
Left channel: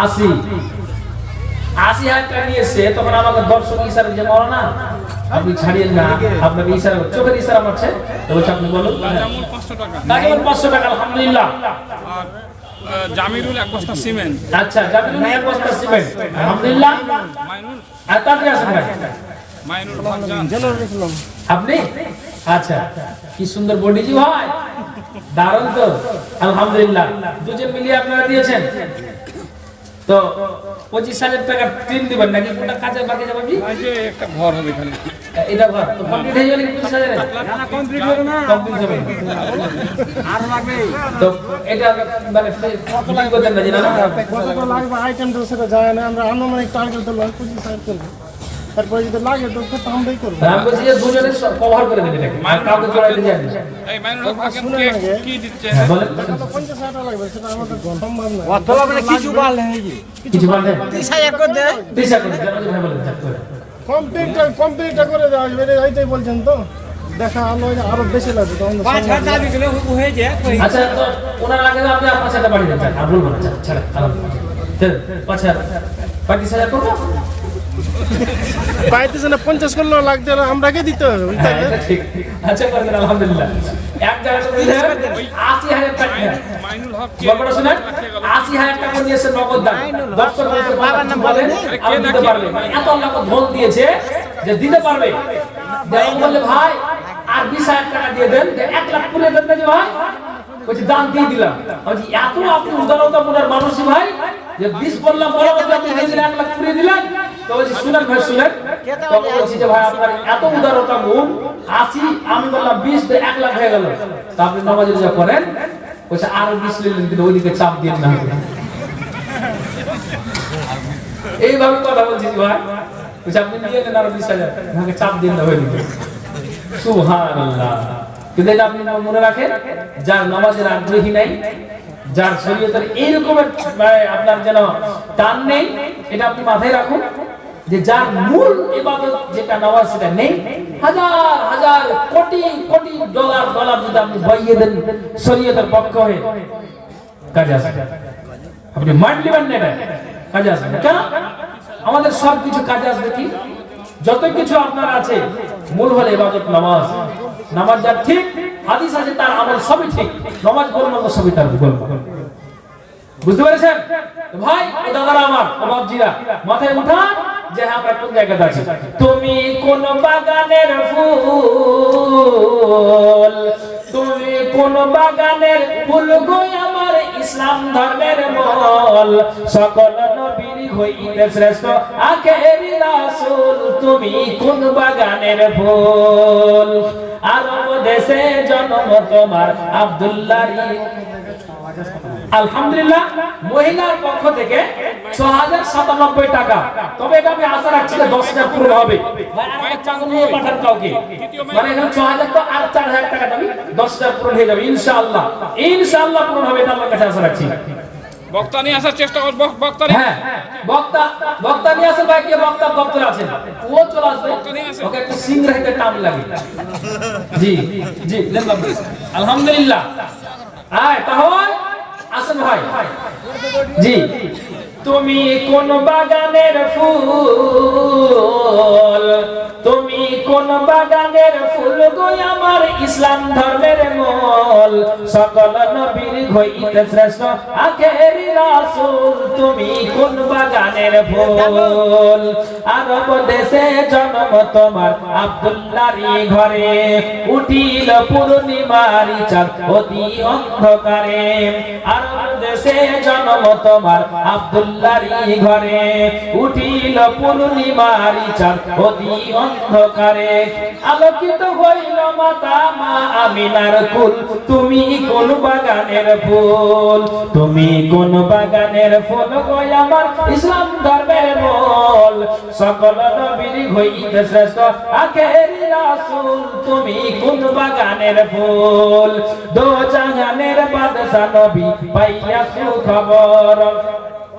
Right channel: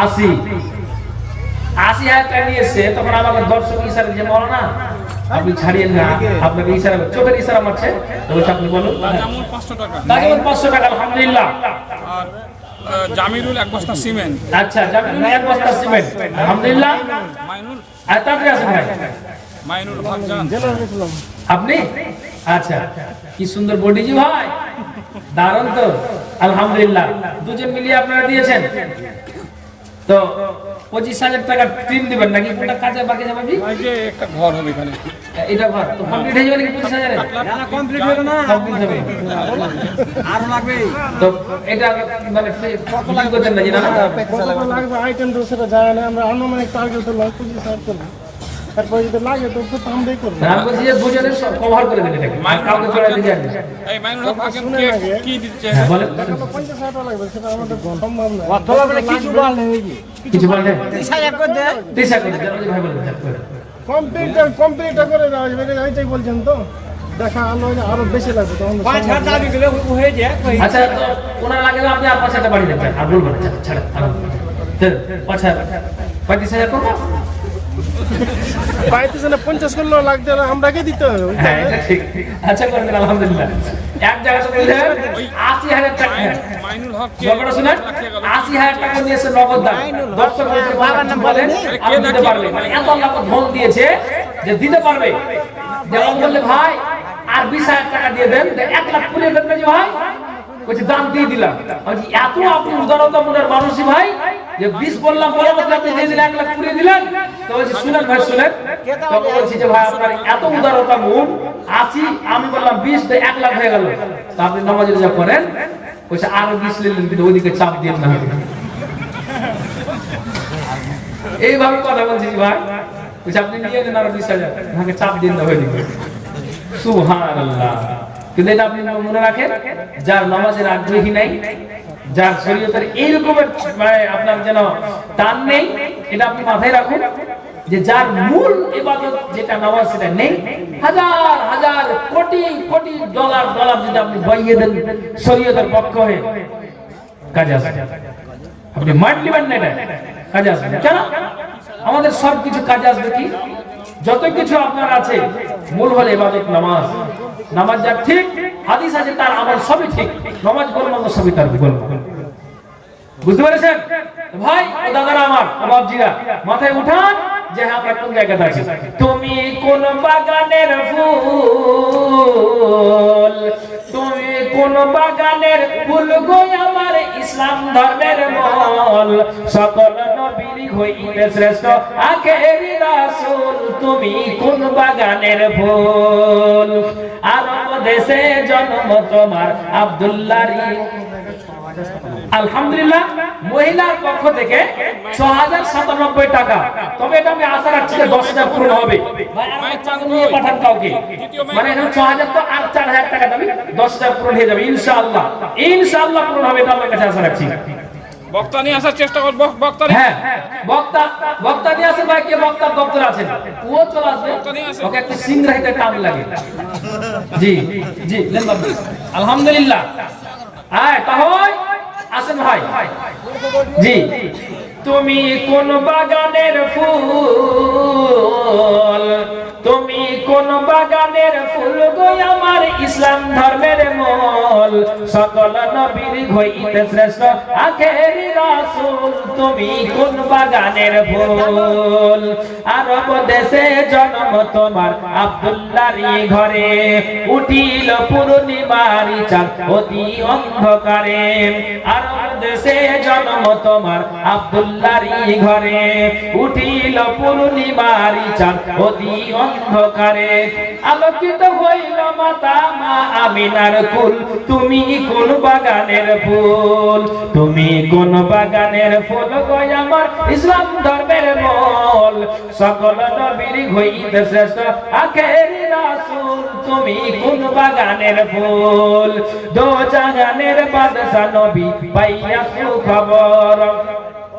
80000 টাকা নিয়েছে তখন আমাকে দর্শক ইশারা দিয়ে বলো না আপনি ছাড়িয়েন না আপনাকে ইশারা চোখের ইশারা মারছে তো আপনি বলুন 500 টাকা তাহলে 500 টাকা আলহামদুলিল্লাহ আর জামিরুল 1 বস্তা সিমেন্ট, আচ্ছা জামিলুল এক বস্তা সিমেন্ট, আলহামদুলিল্লাহ। মাইনুল আর তাড়াতাড়ি আসুন ভাই। মাইনুল ভাবজান, আপনি আচ্ছা, কি সুন্দর বডিজি ভাই, দারুণ তো, আলহামদুলিল্লাহ। দুজন মিলিয়ে আপনারা দিয়েছেন তো 25,000 টাকা টিন দিবেন নাকি কোনটা কাজে বাকি যাবে? জি এই যে একটা ঘর হবে এখানে, এটা ঘর তো কমপ্লিট হয়ে যাবে নাকি 25,000 এ? কমপ্লিট হলো না, কমপ্লিট হবে আরো লাগবে। তো এটা মানে ফিটিং করতেন না, জানা না? কতটা লাগবে আইটেম তো সেটা যায় না, আমরা আনুমানিক টার্গেট তো 25,000 করবো, তারপরে যদি লাগে তো খুব আমরাই করবো। আমি বলছি যে দুজনে কভার করে দেন এটাকে, আর কাউকে চড়াই দিয়ে যান না। এই মাইনুল ভাবজান কি দিচ্ছে? হ্যাঁ বলেন, 50,000 টাকা লাগবে, সেটা আমাদের সম্ভব না। অথবা মানে কিছু বল নেই যে কিছু বলেন? 30,000 করে দে। দিশা করে জানাজি ভাই বলেন, যাক করে। কমপ্লিটটা করে দেওয়া যাবে, এইটাই বলছেন তো। দেখা আলো আরো বেশি লাগবে তখন তো 5,000 সম্ভব না। টাকা দিলে হয়ে যায়। আচ্ছা তো ওনার লাগে তো আপনি আর 5,000 বাড়ি দেন, আর বলবেন না, ছাড়া আলহামদুলিল্লাহ। তো 5,000 35,000 করবো? পাইতেছে না, 50 করলেও লাগবে না, আমরাকে দিতে হবে। হ্যাঁ এটা ঠিক। আচ্ছা করবেন আলহামদুলিল্লাহ। এক জায়গাতে বললেন 80,000 টাকা। মাইনুল হক কে গল্পটা শুনেন, 80,000 টাকা দিয়েছে নগদ দান। দর্শক বাবার নাম বলেন, আপনি দিতে পারবেন, মানে এত আল্লাহ ধন দিয়েছে যে দিতে পারবে। যেমন বললে ভাই আর 20,000 টাকা দিয়ে দেন, 1 লাখ পুরে দেন না যে ভাই, বলছি দান দিয়ে দিলাম। বলছি এত আপনি উদারতা মনের মানুষই ভাই, যে 20 বললাম বলার বদলে আপনি দিয়ে দিলেন 1 লাখ পুরে দিলেন। তো বলছি শুনেন ভাই শুনেন, তখন বলছি যে ভাই আপনার এত উদারতা মন, 80 আমি বললাম 20 তো 1 লাখ হয়ে গেল। তো আপনি নামাজ রোজা করেন, বলছে আরো 20 নিলেন, কিন্তু ওইদিকে চাপ দিয়ে না। এইভাবে কথা বলছি ভাই, বলছে আপনি নিয়ে নেন আরো 20,000, আমাকে চাপ দিন না ওইদিকে। সুবহানাল্লাহ। কিন্তু এটা আপনি মনে রাখেন, যার নামাজের আগ্রহী নাই, যার শরীয়তের এইরকমের আপনার যেন টান নেই, এটা আপনি মাথায় রাখুন, যে যার মূল ইবাদত যেটা নামাজ সেটা নেই, হাজার হাজার কোটি কোটি ডলার যদি আপনি বইয়ে দেন শরীয়তের পক্ষ হয়ে, কাজে আসবে। আপনি মাইন্ড দিবেন না, এটা কাজে আসবে না। কেন? আমাদের সবকিছু কাজে আসবে কি? যত কিছু আপনার আছে, মূল হলো ইবাদত নামাজ। নামাজ যার ঠিক, হাদিস আছে তার আমল সবই ঠিক, নামাজ গোলমাল সবই তার গোলমাল। বুঝতে পেরেছেন ভাই ও দাদারা আমার, ও বাপজিরা, মাথায় উঠান যে হ্যাঁ আমরা কোন জায়গাতে আছি। তুমি কোন বাগানের ফুল, তুমি কোন বাগানের ফুল গো আমার ইসলাম ধর্মের মূল, সকল নবীর হইতে শ্রেষ্ঠ আখেরি রাসূল, তুমি কোন বাগানের ফুল। আরব দেশে জন্ম তোমার আব্দুল্লাহর। আলহামদুলিল্লাহ, মহিলার পক্ষ থেকে 6,097 টাকা। তবে এটা আমি আশা রাখছি যে 10,000 পূরণ হবে। ভাই আর আমার চাকরি নিয়ে পাঠান কাউকে, মানে এখন 6,000 তো আর 4,000 টাকা দেবে, 10,000 পূরণ হয়ে যাবে ইনশাআল্লাহ। ইনশাআল্লাহ পূরণ হবে, এটা আল্লাহর কাছে আশা রাখছি। বক্তা নিয়ে আসার চেষ্টা কর, বক্তা নিয়ে। হ্যাঁ বক্তা নিয়ে আসেন ভাই, কে বক্তার দপ্তর আছেন ও চলে আসবে, ওকে একটু সিংরাহিতে টান লাগে। জি জি দেন বাবু, আলহামদুলিল্লাহ। আয় তাহলে আসেন ভাই। জি, তুমি কোন বাগানের ফুল, তুমি কোন বাগানের ফুল গো আমার ইসলাম ধর্মের মূল, সকল নবীর হইতে শ্রেষ্ঠ আখেরি রাসূল, তুমি কোন বাগানের ফুল। আরব দেশে জন্ম তোমার আব্দুল্লাহর ঘরে, উঠিল পূর্ণিমার চাঁদ অতি অন্ধকারে। আরব দেশে জন্ম তোমার আব্দুল্লাহর ঘরে, উঠিল পূর্ণিমার চাঁদ অতি অন্ধকারে। আলোকিত হইল মাতা মা আমিনার কুল, তুমি কোন বাগানের ফুল, তুমি কোন বাগানের ফুল গো আমার ইসলাম ধর্মের মূল, সকল নবীর হইতে শ্রেষ্ঠ আখেরি রাসূল, তুমি কোন বাগানের ফুল। দো জাহানের বাদশা নবী পাইয়া সুখবর,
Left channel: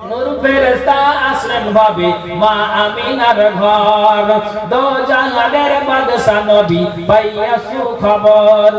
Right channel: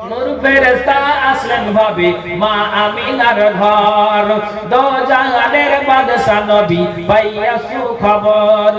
নূর ফেরেশতা আসলেন ভাবে মা আমিনার ঘর, দো জাহানের বাদশা নবী পাইয়া সুখবর।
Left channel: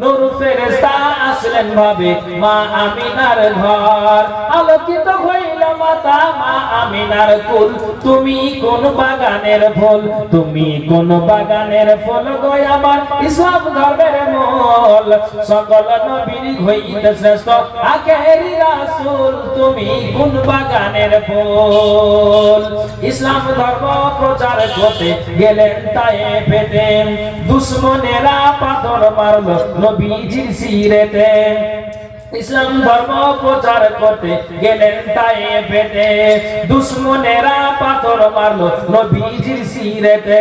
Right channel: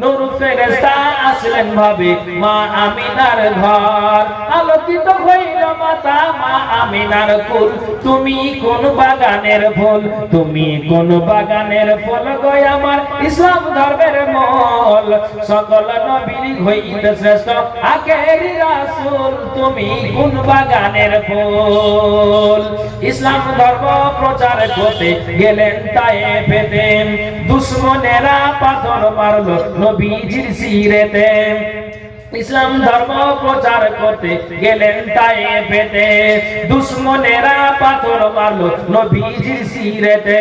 নূর ফেরেশতা আসলেন ভাবে মা আমিনার ঘর, আলোকিত হইল মাতা মা আমিনার কুল। তুমি কোন বাগানের ফুল, তুমি কোন বাগানের ফুল গো আমার ইসলাম ধর্মের মূল। সকল নবীর হইতে শ্রেষ্ঠ আখেরি রাসূল, তুমি কোন বাগানের ফুল। ইসলাম ধর্ম প্রচার করতে গেলেন তায়েফেতে, দুশমনেরা পাথর মারলো নবীজির শিরেতে। ইসলাম ধর্ম প্রচার করতে গেলেন তায়েফেতে, দুশমনেরা পাথর মারলো নবীজির শিরেতে।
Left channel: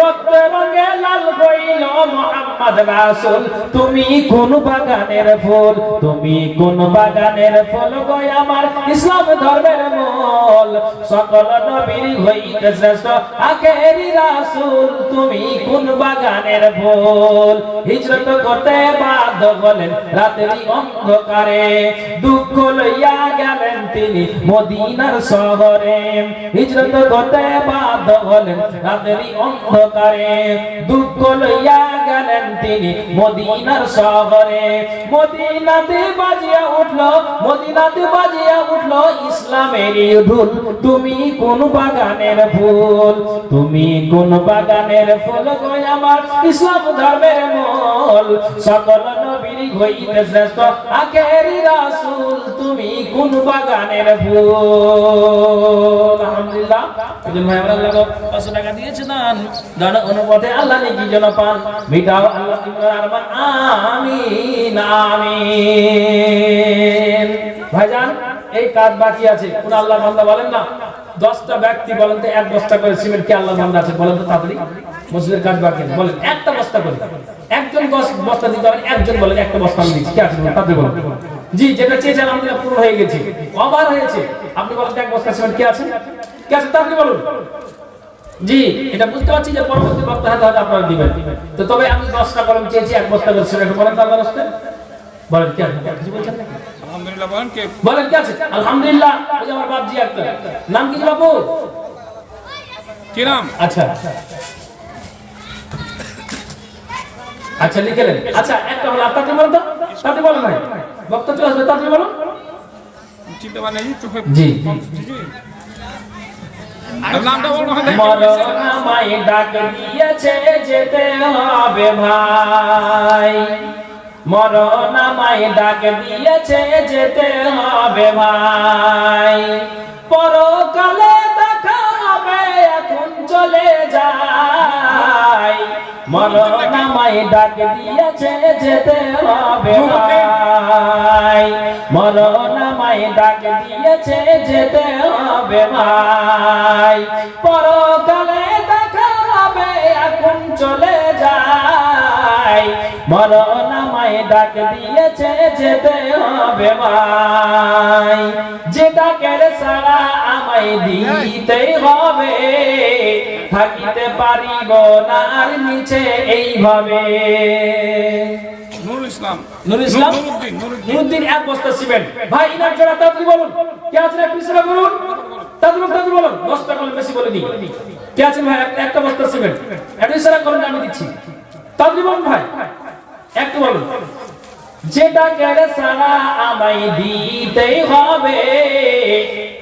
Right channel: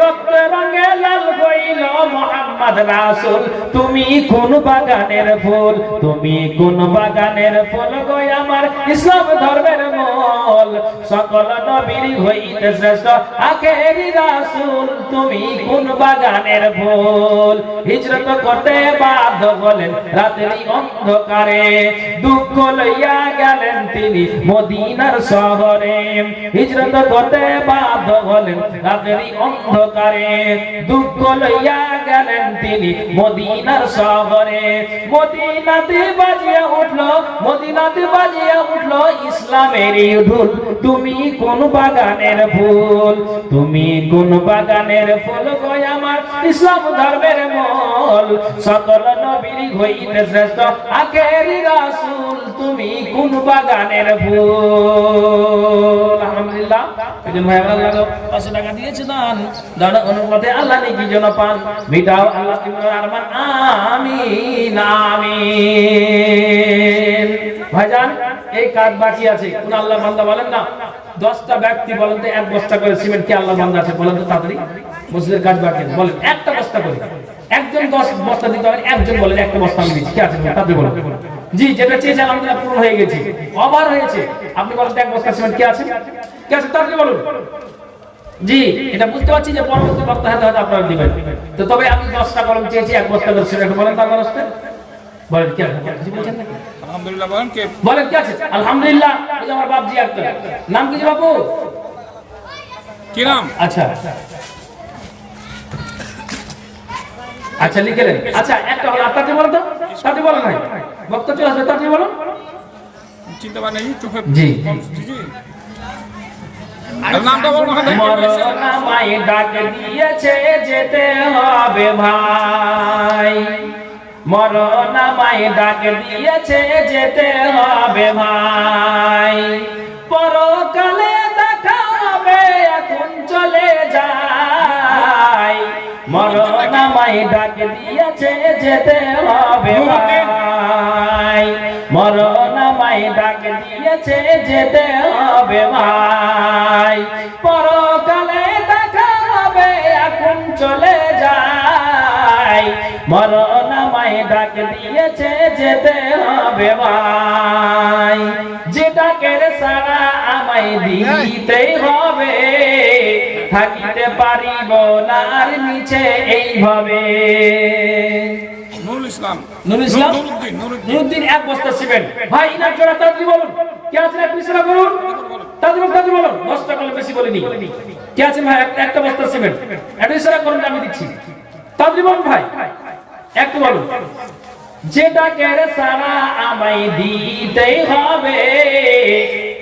রক্ত রঙে লাল হইল মুহাম্মদ রাসূল, তুমি কোন বাগানের ফুল, তুমি কোন বাগানের ফুল গো আমার ইসলাম ধর্মের মূল। সকল নবীর হইতে শ্রেষ্ঠ আখেরি রাসূল, তুমি কোন বাগানের ফুল। হিজরত করতে বাধ্য হলেন রাতেরই অন্ধকারে, দুঃখ লইয়া গেলেন তিনি মদিনার শহরে। হিজরত করতে বাধ্য হলেন রাতেরই অন্ধকারে, দুঃখ লইয়া গেলেন তিনি মদিনার শহরে। মদিনাতে বাজিয়া উঠলো, মদিনাতে বাজিয়া উঠলো ইসলামেরই ঢোল, তুমি কোন বাগানের ফুল, তুমি কোন বাগানের ফুল গো আমার ইসলাম ধর্মের মূল। সকল নবীর হইতে শ্রেষ্ঠ আখেরি রাসূল, তুমি কোন বাগানের ফুল। আলহামদুলিল্লাহ। একজন ভাই আমার আল্লাহ 500 টাকা দিয়েছে দান, দান অনুপাতে আল্লাহ নেকি যেন পান, মিটাও আল্লাহ তোমার আরমান, আমিন আমিন। ভাইজান এই কাজ বাকি আছে, কোন আল্লাহ বান্দা বলেন না 10টা ব্যক্তি বলেন তো 1 বস্তা করে সিমেন্ট কি আল্লাহ বান্দা আছে বলেন তো তাড়াতাড়ি। মসজিদের কাজ বাকি আছে বলেন 1টা বস্তা করে, একজন 10 বস্তা দিতে হবে, একজন বলেন 1টা বস্তা আমি দিচ্ছি, কি আছে তাড়াতাড়ি বলেন। জি যেটা চেয়েছেন আলহামদুলিল্লাহ পূরণ হয়ে গেছে, ওভার হয়েছে। আপনি বলেন 1 বস্তা সিমেন্ট কি আছে, কি আছে তাড়াতাড়ি বলুন। জি এটা বুঝতে পারছি যে পরবর্তী বক্তা হাতে হাতে আপনারা দিবেন, তো তবে আমি 10টা কলম চেয়েছি 1 বস্তা করে সিমেন্ট বলেন তো আপনারা আসতে বলেন কি আছে, কিছু বলছেন নাকি? আলহামদুলিল্লাহ বলেন কে বলেন কি আছে? আলহামদুলিল্লাহ। ওই যে আমার বাপজি একটা নাম কি বাপু? কি নাম? আচ্ছা আচ্ছা লিখেলেন। আচ্ছা একটা হলো আপনাকে বলেন তো, তাতে বলেন ভাই বক্তা চলে আসবে, তাতে বলুন। চিনতে পারেন চোখে জি নামটা বলুন। মরণামায় ডাক দিয়েছে যেতে হবে ভাই, মরণামায় ডাক দিয়েছে যেতে হবে ভাই, পরকালে দেখা হবে এখন চলে যাই। মরণামায় ডাক দিয়েছে যেতে হবে ভাই, মরণামায় ডাক দিয়েছে যেতে হবে ভাই, পরকালে দেখা হবে এখন চলে যাই। মরণামায় ডাক দিয়েছে যেতে হবে ভাই, যেটাকে সারা আমায় দিতেই হবে, থাকিতে পারিব না আর নিচে এইভাবে। নুরুল ইসলাম, নুরুল ইসলাম, নুরুদ্দিন, নুরুদ্দিন 1 বস্তা সিমেন্ট ভাই। ইনার জোড়া তাড়াতাড়ি বলুন, কে আছে পিছনে বলুন, তাড়াতাড়ি বলুন। 10টা কল বেশি বলিনি, কে আছে ভাই? একটা বস্তা সিমেন্ট, এটা ইশারা করুন আমি দিচ্ছি, তাড়াতাড়ি বলুন ভাই, একটু বলুন। যেটাকে সারা আমায় দিতেই হবে,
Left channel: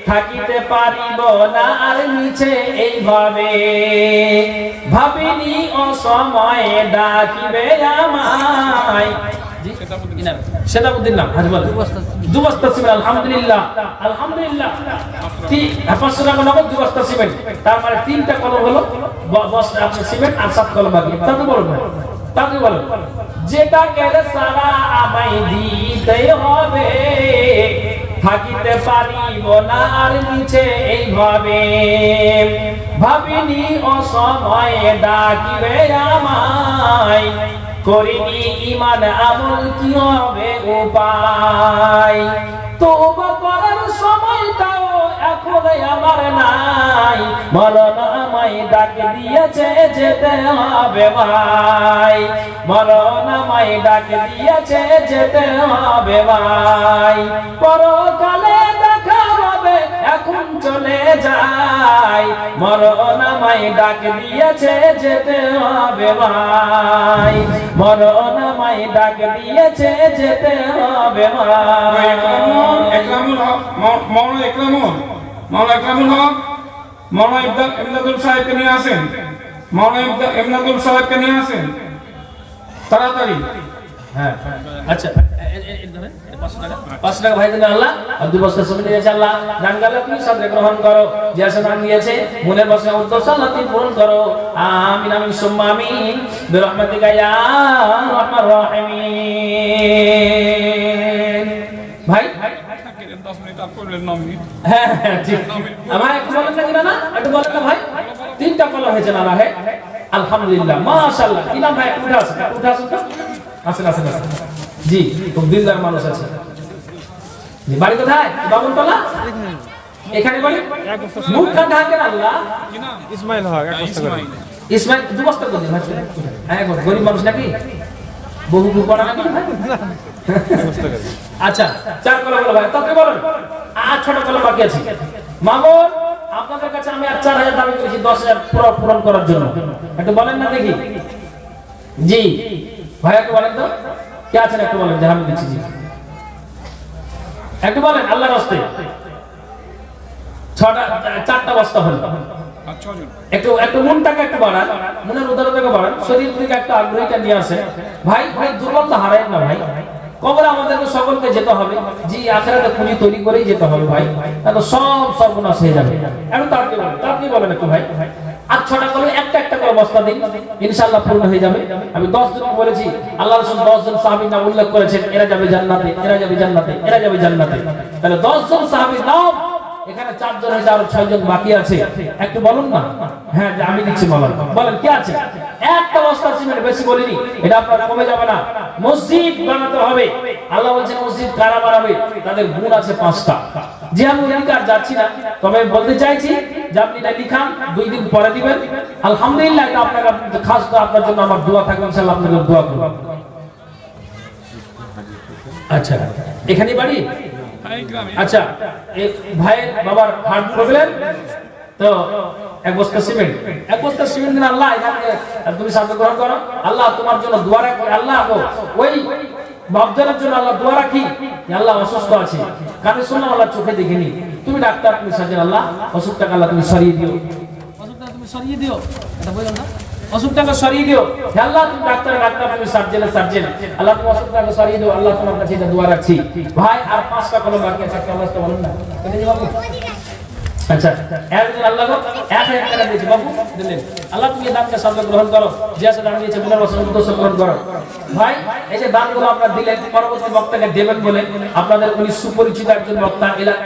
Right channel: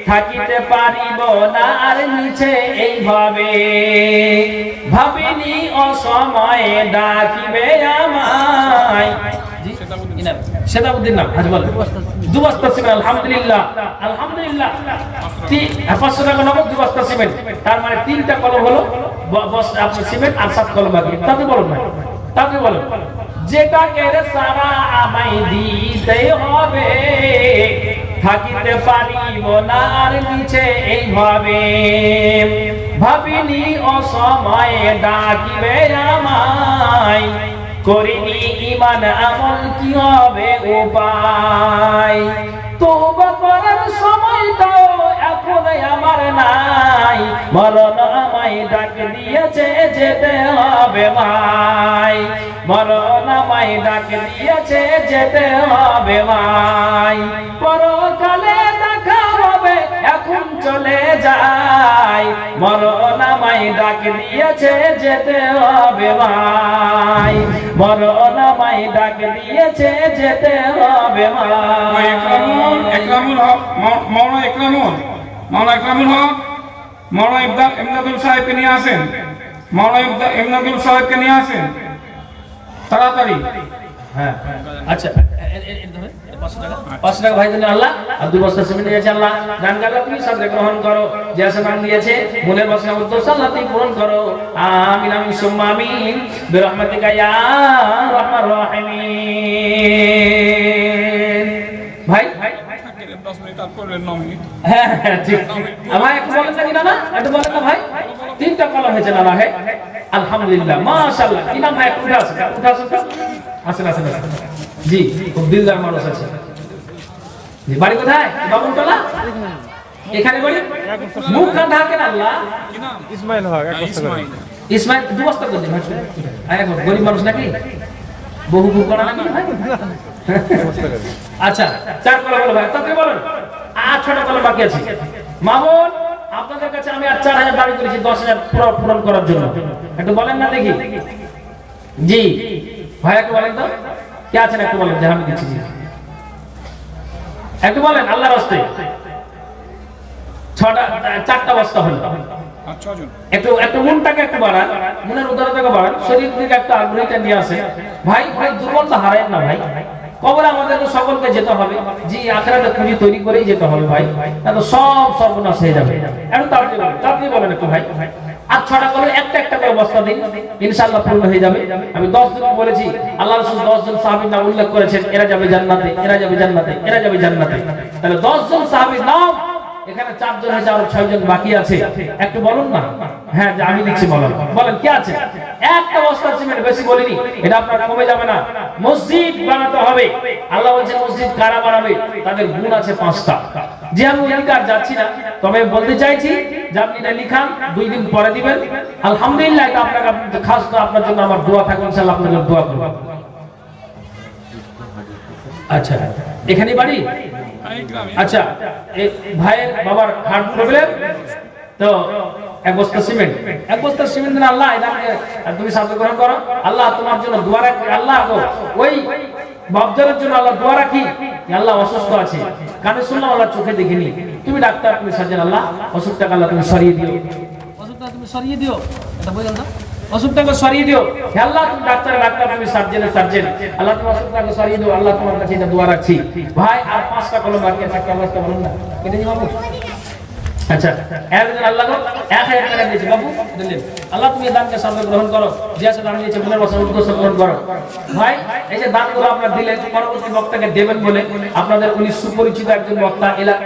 থাকিতে পারিব না আর নিচে এইভাবে, ভাবিনি অসময়ে ডাকিবে আমায়। সেতাবুদ্দিন নাম হাজ বলেন 2 বস্তা সিমেন্ট। আলহামদুলিল্লাহ আলহামদুলিল্লাহ। 500 টাকা নগদ 2 বস্তা সিমেন্ট, তার মানে 3টা কলম হলো বস্তা আপনার সিমেন্ট আর 7 কলম বাকি। তাতে বলুন ভাই, তাতে বলুন। যেটাকে সারা আমায় দিতেই হবে, থাকিতে পারিব না আর নিচে এইভাবে, ভাবিনি অসময়ে ডাকিবে আমায়, করিনি ইমান আমল কি হবে উপায়, তওবা করার সময়টাও এখন আমার নাই, মরণ আমায় ডাক দিয়েছে যেতে হবে ভাই, মরণ আমায় ডাক দিয়েছে যেতে হবে ভাই, পরকালে দেখা হবে এখন চলে যাই, মরণ আমায় ডাক দিয়েছে যেতে হবে ভাই, মরণ আমায় ডাক দিয়েছে যেতে হবে ভাই। একরামুল হক, মাওলানা একরামুল হক, মাওলানা ইমদাদুল সাহেবকে নিয়ে আসেন, মাওলানা ইমদাদুল সাহেবকে নিয়ে আসেন তাড়াতাড়ি। হ্যাঁ আচ্ছা, 500 টাকা ভাই দিলেন আল্লাহ, আর 2 বস্তা সিমেন্ট দিয়েছে আল্লাহ। গান গালা তুমি সাথে গ্রহণ করো, যে আসমান দিয়েছে মনের বাসনা উদ্দেশ্য আল্লাহ তুমি পূরণ করো। আমিন আমিন সুম্মা আমিন বিরহমাতিকা ইয়া আরহামার রাহিমিন। ভাই 10 মিনিট আর করলেন 9 মিনিট। হ্যাঁ হ্যাঁ ঠিক। আমার একটু বলেন না একটু বলেন না ভাই, 3টা কলম হয়েছে না ভাই, আলহামদুলিল্লাহ মাশাআল্লাহ। কি নাম ভাই? উঠে আসেন তো, আসেন। জি, খুব দিলদার মানুষ আছে। জি, বাড়ি কোথায়? বাবনতলা। এখানে বাড়ি? মুখ ঢাকেন আল্লাহ। ইসমাইল হক এক বস্তা করে। ইসমাইল 2 বস্তা করে দিন। এক গরিব মানুষ নাকি, বহু বহু করা নাকি ভাই? আচ্ছা 4 কলম বলো ভাই, তাতে বলেন 8টা কলম বাকি আছে। মামুন আপনাদের কাছে আমি আর 4000 দাবি করেছি 10000 পূরণ করার জন্য, একটু বলেন না দেখি। জি ভাই একটু বলেন তো, কে আছেন একটু বলেন যে আমি দিচ্ছি। জি একটু বলেন আল্লাহর রাস্তে। 4টা বস্তা হলো। আচ্ছা একটু মনটাকে একটু বাড়ান, মনের উদারতাকে বাড়ান, শরীর থেকে একটা আগ্রহীটা নিয়ে আসে। ভাই দুর্বলতা হারায় না ভাই, কবরে আমাদেরকে সকলকে যেতে হবে। জি আখিরাতে পুঁজি তৈরি করেই যেতে হবে ভাই, তাহলে সব সর্বনাশ হয়ে যাবে। এখন তাড়াতাড়ি বলেন একটু ভাই। আর 6টা করে একটা করে বস্তা দিন, ইনশাআল্লাহ পূর্ণ হয়ে যাবে। আমি 10 জন বলেছি, আল্লাহ রাসূল 10 জন সাহাবীর নাম উল্লেখ করেছেন, এরা যাবে জান্নাতে, এরা যাবে জান্নাতে, এরা যাবে জান্নাতে। তাহলে 10 জন সাহাবীর নাম, এখানে 4 জন হয়েছে, আর 6 জন বাকি আছে। একটু বলুন না। হ্যাঁ যে আমি দিচ্ছি, বলেন কে আছে? একটা বস্তা সিমেন্ট, বেশি বলিনি, এটা আপনার কমে যাবে না। মসজিদ বানাতে হবে, আল্লাহ বলছেন মসজিদ কারা বানাবে, তাদের গুণ আছে 5টা। যে আমি অধিকার যাচ্ছি না, তবে বলতে চাইছি যে আপনি এটা লিখান, 2 দিন পরে দিবেন। আলহামদুলিল্লাহ, এটা আপনার খাস, তো আপনার জন্য আমার দোয়া থাকবে, ইনশাআল্লাহ আপনার জন্য দোয়া করব। আচ্ছা এখানে বাড়ি? আচ্ছা এই ভাইয়ের বাবার হার্ট প্রবলেম, তো 1 বস্তা সিমেন্ট দিন আল্লাহ, এটাকে তুমি সাহায্য গ্রহণ করো। আল্লাহ তোমার জন্য দোয়া রাখি, আল্লাহ গো ওই বাপজানের জন্য আল্লাহ দোয়া রাখি, আল্লাহ অসুস্থ আছে, কানে শুনলাম আল্লাহ চোখে দেখিনি, তুমি ডাক্তার, তুমি সার্জন, আল্লাহ অসুখটাকে আল্লাহ তুমি সরিয়ে দিও, অসুখটা তুমি সরিয়ে দিও, এটা বললাম না, অসুখটাকে সরিয়ে দিও। হে আল্লাহ তুমি ডাক্তার, তুমি সার্জন, আল্লাহ তুমি অসুখটাকে সরিয়ে দিও। আল্লাহ তোমার কাছে এটা দোয়া রাখছি। ভাই আর 5টা কলম বাকি আছে, একটা অবস্থা বলুন না, কেটে দিই বাবু। আচ্ছা একজন আল্লাহ 1000 টাকা দিয়েছে বাবু, দিলেন। আল্লাহ তুমি দানকে সামনে গ্রহণ করো, যে আছে দান দিয়েছে মনের বাসনা উদ্দেশ্য গ্রহণ করো। ভাই এই যে দানগুলো আপনারা দিলেন, পরবর্তী বক্তাকে দেবেন বলে আপনাদের উনি সুপরিচিত একজন বক্তা, এলাকা